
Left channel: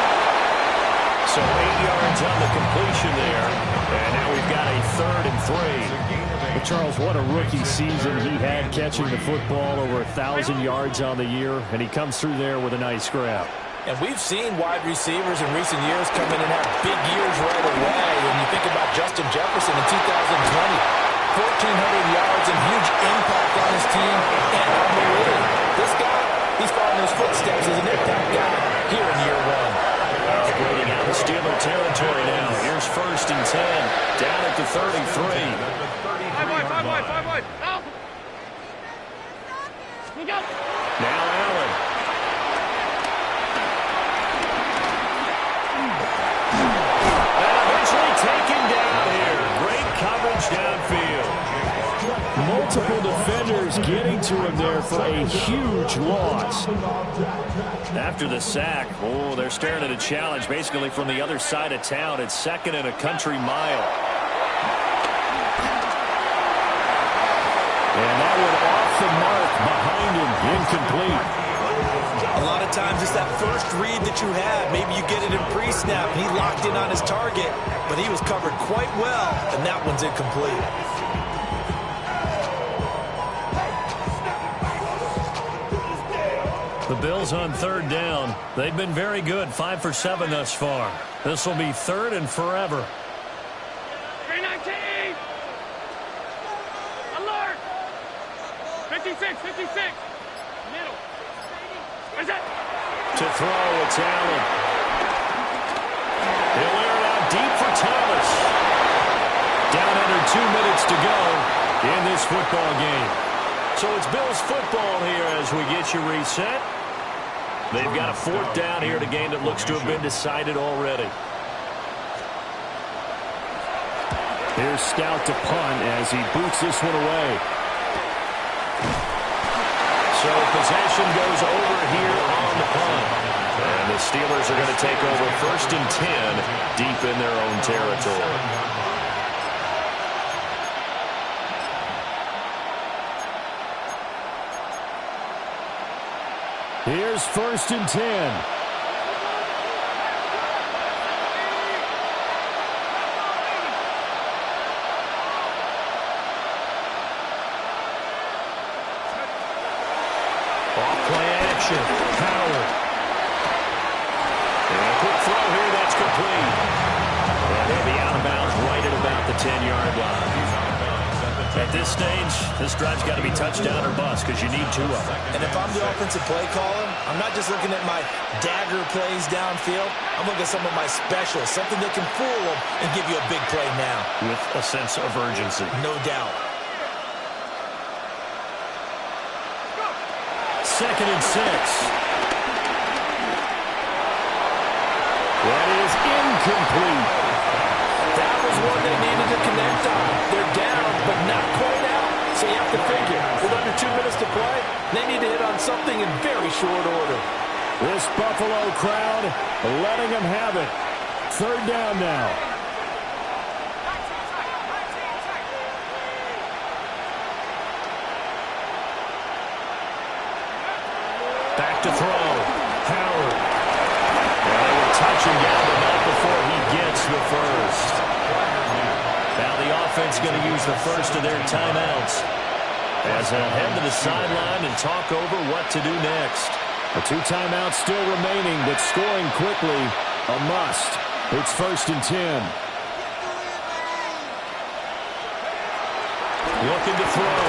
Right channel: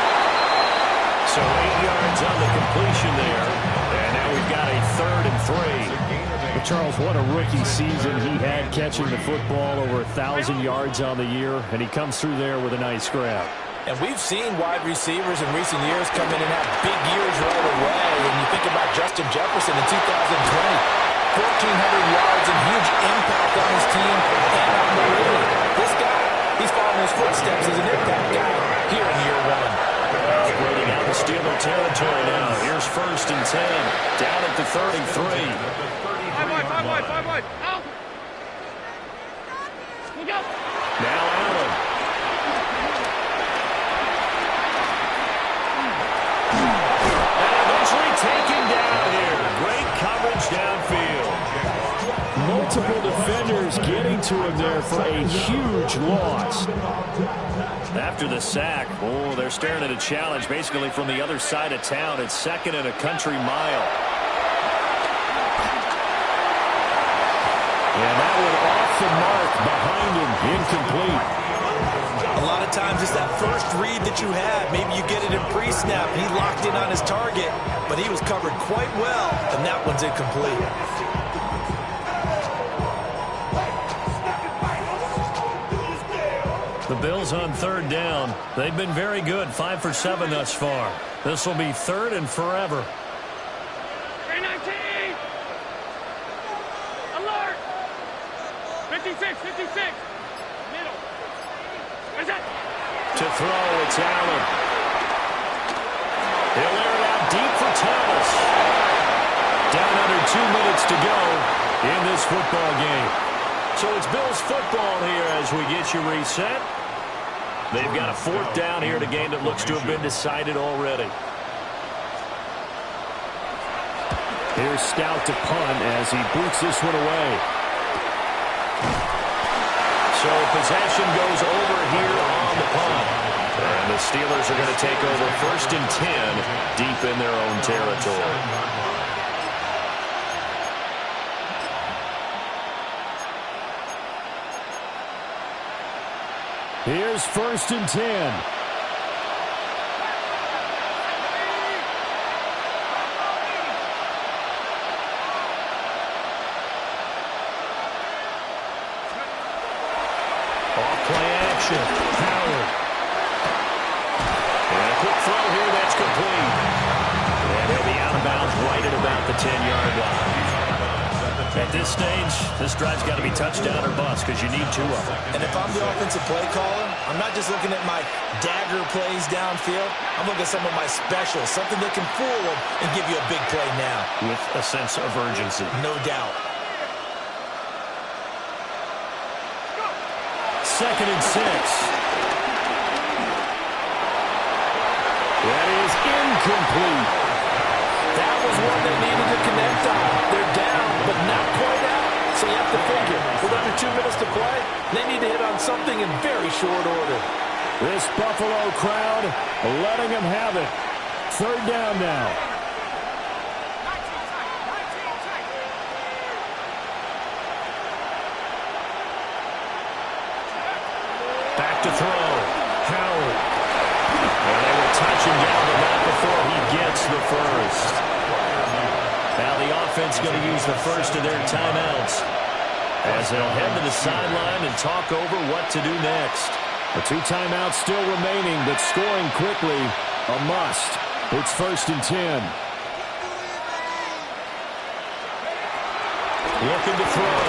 So 8 yards on the completion there. And now we've got a 3rd and 3. But Charles, what a rookie season he had catching the football, over 1,000 yards on the year. And he comes through there with a nice grab. And we've seen wide receivers in recent years come in and have big years right away. And you think about Justin Jefferson in 2020, 1,400 yards and huge impact on his team and on the league. This guy, He's following his footsteps as an impact guy here in year one. Operating out of Steeler territory now. Here's 1st and 10. Down at the 33. 5 wide. Out. Look out. Now Allen. And eventually taken down here. Great coverage downfield. Multiple defenders getting to him there for a huge loss. After the sack, they're staring at a challenge basically from the other side of town. It's 2nd and a country mile. And that one off the mark behind him, incomplete. A lot of times it's that first read that you have. Maybe you get it in pre-snap. He locked in on his target, but he was covered quite well, and that one's incomplete. The Bills on 3rd down. They've been very good, 5 for 7 thus far. This will be 3rd and forever. 319. Alert. 56. Middle. Where's that? To throw, it's Allen. He'll air it out deep for Thomas. Down under 2 minutes to go in this football game. So it's Bills football here as we get you reset. They've got a 4th down here in a game that looks to have been decided already. Here's Stout to punt as he boots this one away. So possession goes over here on the punt. And the Steelers are going to take over 1st and 10 deep in their own territory. Here's 1st and 10. Off-play action. Howard. And a quick throw here that's complete. And he'll be out of bounds right at about the 10-yard line. At this stage, this drive's got to be touchdown or bust because you need 2 of them. And if I'm the offensive play caller, I'm not just looking at my dagger plays downfield. I'm looking at some of my specials, something that can fool them and give you a big play now. With a sense of urgency. No doubt. 2nd and 6. That is incomplete. That was one they needed to connect on. They're down, but not quite out. So you have to figure, with under 2 minutes to play, they need to hit on something in very short order. This Buffalo crowd letting them have it. 3rd down now. Back to throw. Howard. And they will touch him down, but not before he gets the first. Now the offense going to use the first of their timeouts as they'll head to the sideline and talk over what to do next. The 2 timeouts still remaining, but scoring quickly, a must. It's 1st and 10. Looking to throw.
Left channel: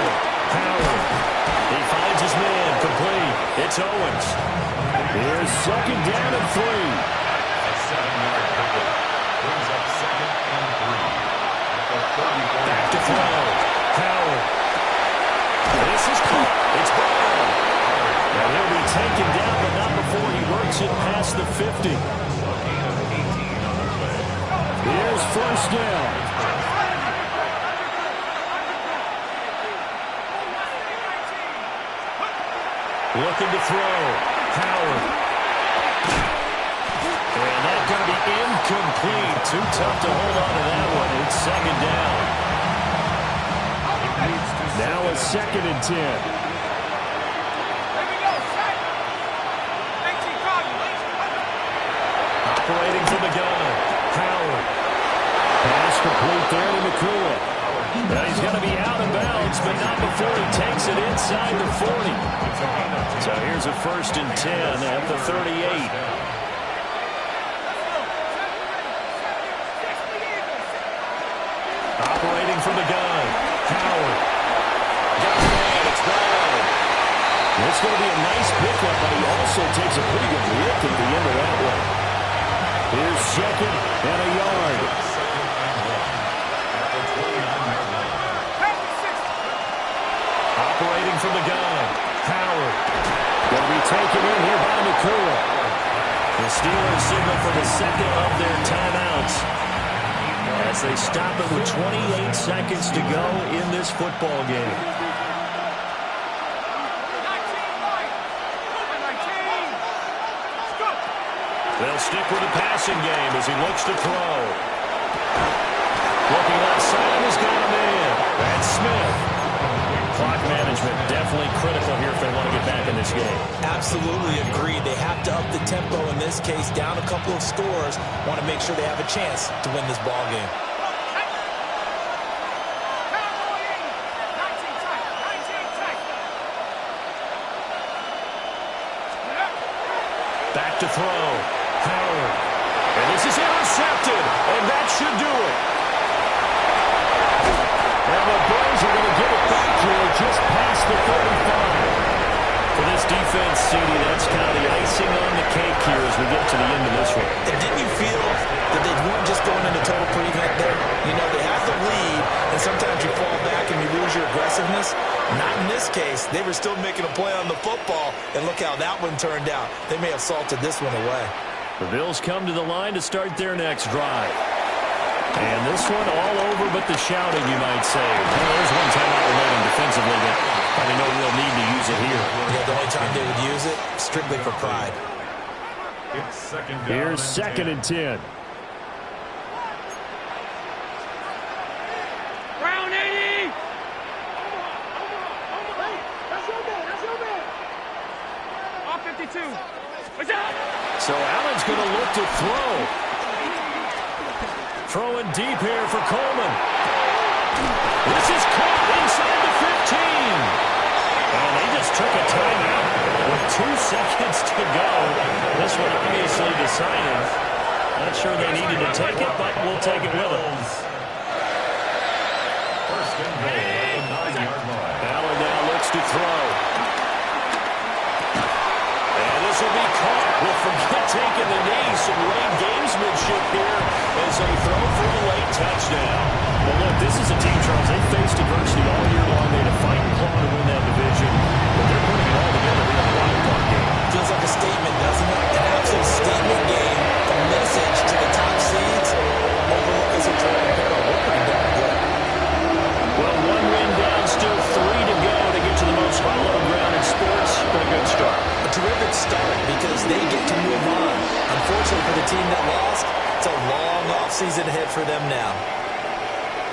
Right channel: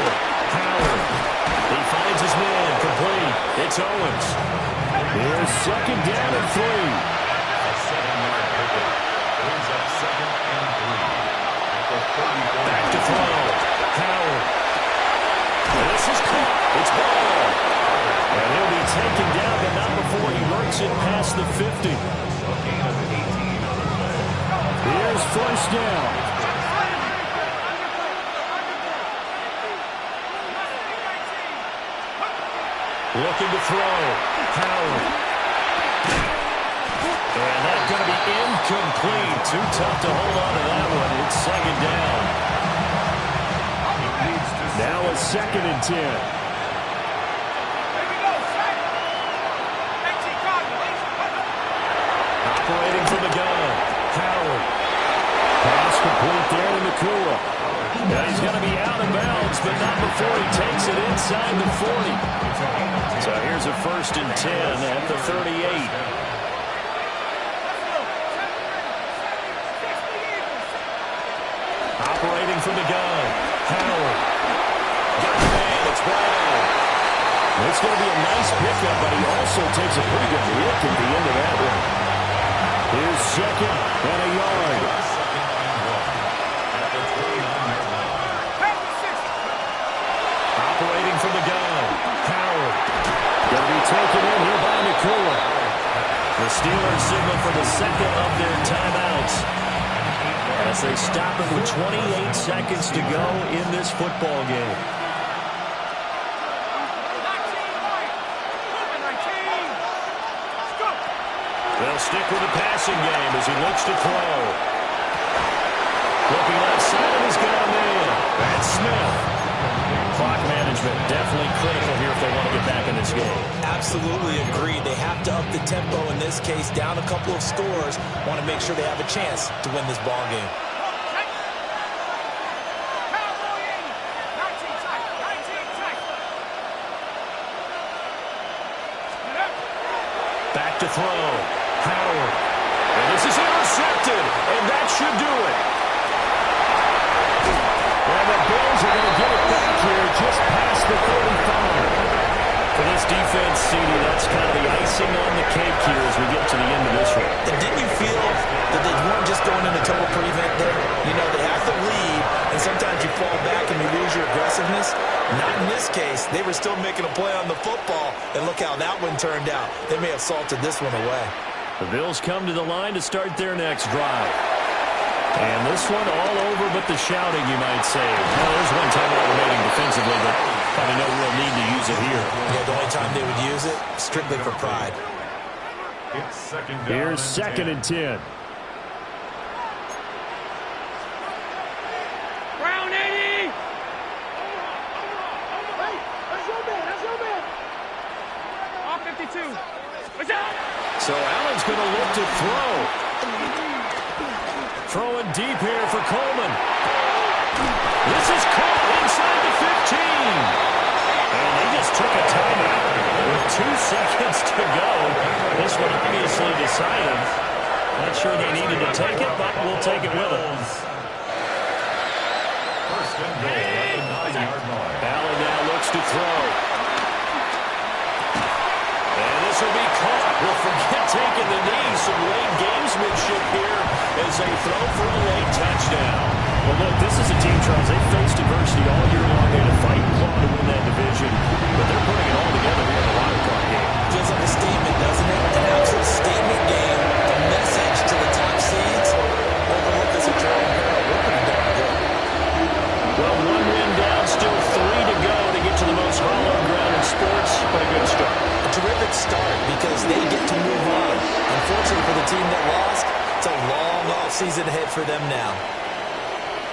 Howard. He finds his man. Complete. It's Owens. Here's 2nd down and 3. A 7-yard pickup brings up 2nd and 3. Back to throw. Howard. This is caught. It's ball. And he'll be taken down, but not before he works it past the 50. A gain of 18 on the play. Here's 1st down. Looking to throw. Howard. And that's going to be incomplete. Too tough to hold on to that one. It's 2nd down. Now a 2nd and 10. Here we go, set. Operating from the gun. Howard. Pass complete there to Nakua. Now he's going to be out of bounds, but not before he takes it inside the 40. So here's a 1st and 10 at the 38. Operating from the gun. Howard. Got a man. It's Brown. It's going to be a nice pickup, but he also takes a pretty good look at the end of that one. Here's second and a yard. Operating from the gun, Howard. Going to be taken in here by Nakua. The Steelers signal for the second of their timeouts as they stop it with 28 seconds to go in this football game. They'll stick with the passing game as he looks to throw. Looking left side, and he's got a man. That's Smith. Clock management definitely critical here if they want to get back in this game. Absolutely agreed. They have to up the tempo in this case, down a couple of scores. Want to make sure they have a chance to win this ball game. Back to throw. Howard. And this is intercepted, and that should do it. And the Bills are going to get it back here just past the 35. For this defense, CD, that's kind of the icing on the cake here as we get to the end of this one. And didn't you feel that they weren't just going into total prevent there? You know, they had the lead, and sometimes you fall back and you lose your aggressiveness. Not in this case. They were still making a play on the football, and look how that one turned out. They may have salted this one away. The Bills come to the line to start their next drive. And this one all over but the shouting, you might say. Well, there's one timeout remaining defensively, but probably no real need to use it here. Yeah, the only time they would use it, strictly for pride. It's second down. Here's second and 10. Round 80! That's your man. That's your man. All 52. What's up? So Allen's going to look to throw. Throwing deep here for Coleman. This is caught inside the 15. And they just took a timeout with 2 seconds to go. This one obviously decided. Not sure they needed to take it, but we'll take it with them. First and goal at the 9-yard line. Allen now looks to throw. And this will be caught. We'll forget taking the knee. Some late gamesmanship here as they throw for a late touchdown. Well, look, this is a team, Charles. They faced adversity all year long. They had to fight and claw to win that division. But they're putting it all together here in the wild card game. Feels like a statement, doesn't it? An absolute statement game. A message to the top seeds. Overlook us at your own peril. We're pretty darn good. Well, 1 win down, still 3 to go to get to the most hallowed ground in sports, but a good start. A terrific start because they get to move on. Unfortunately for the team that lost, it's a long offseason ahead for them now.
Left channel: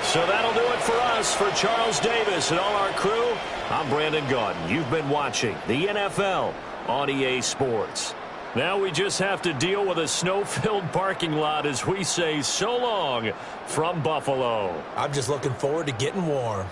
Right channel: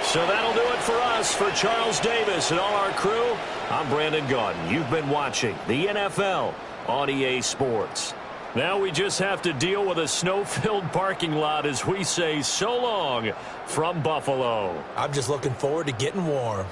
So that'll do it for us. For Charles Davis and all our crew, I'm Brandon Gaudin. You've been watching the NFL on EA Sports. Now we just have to deal with a snow-filled parking lot as we say so long from Buffalo. I'm just looking forward to getting warm.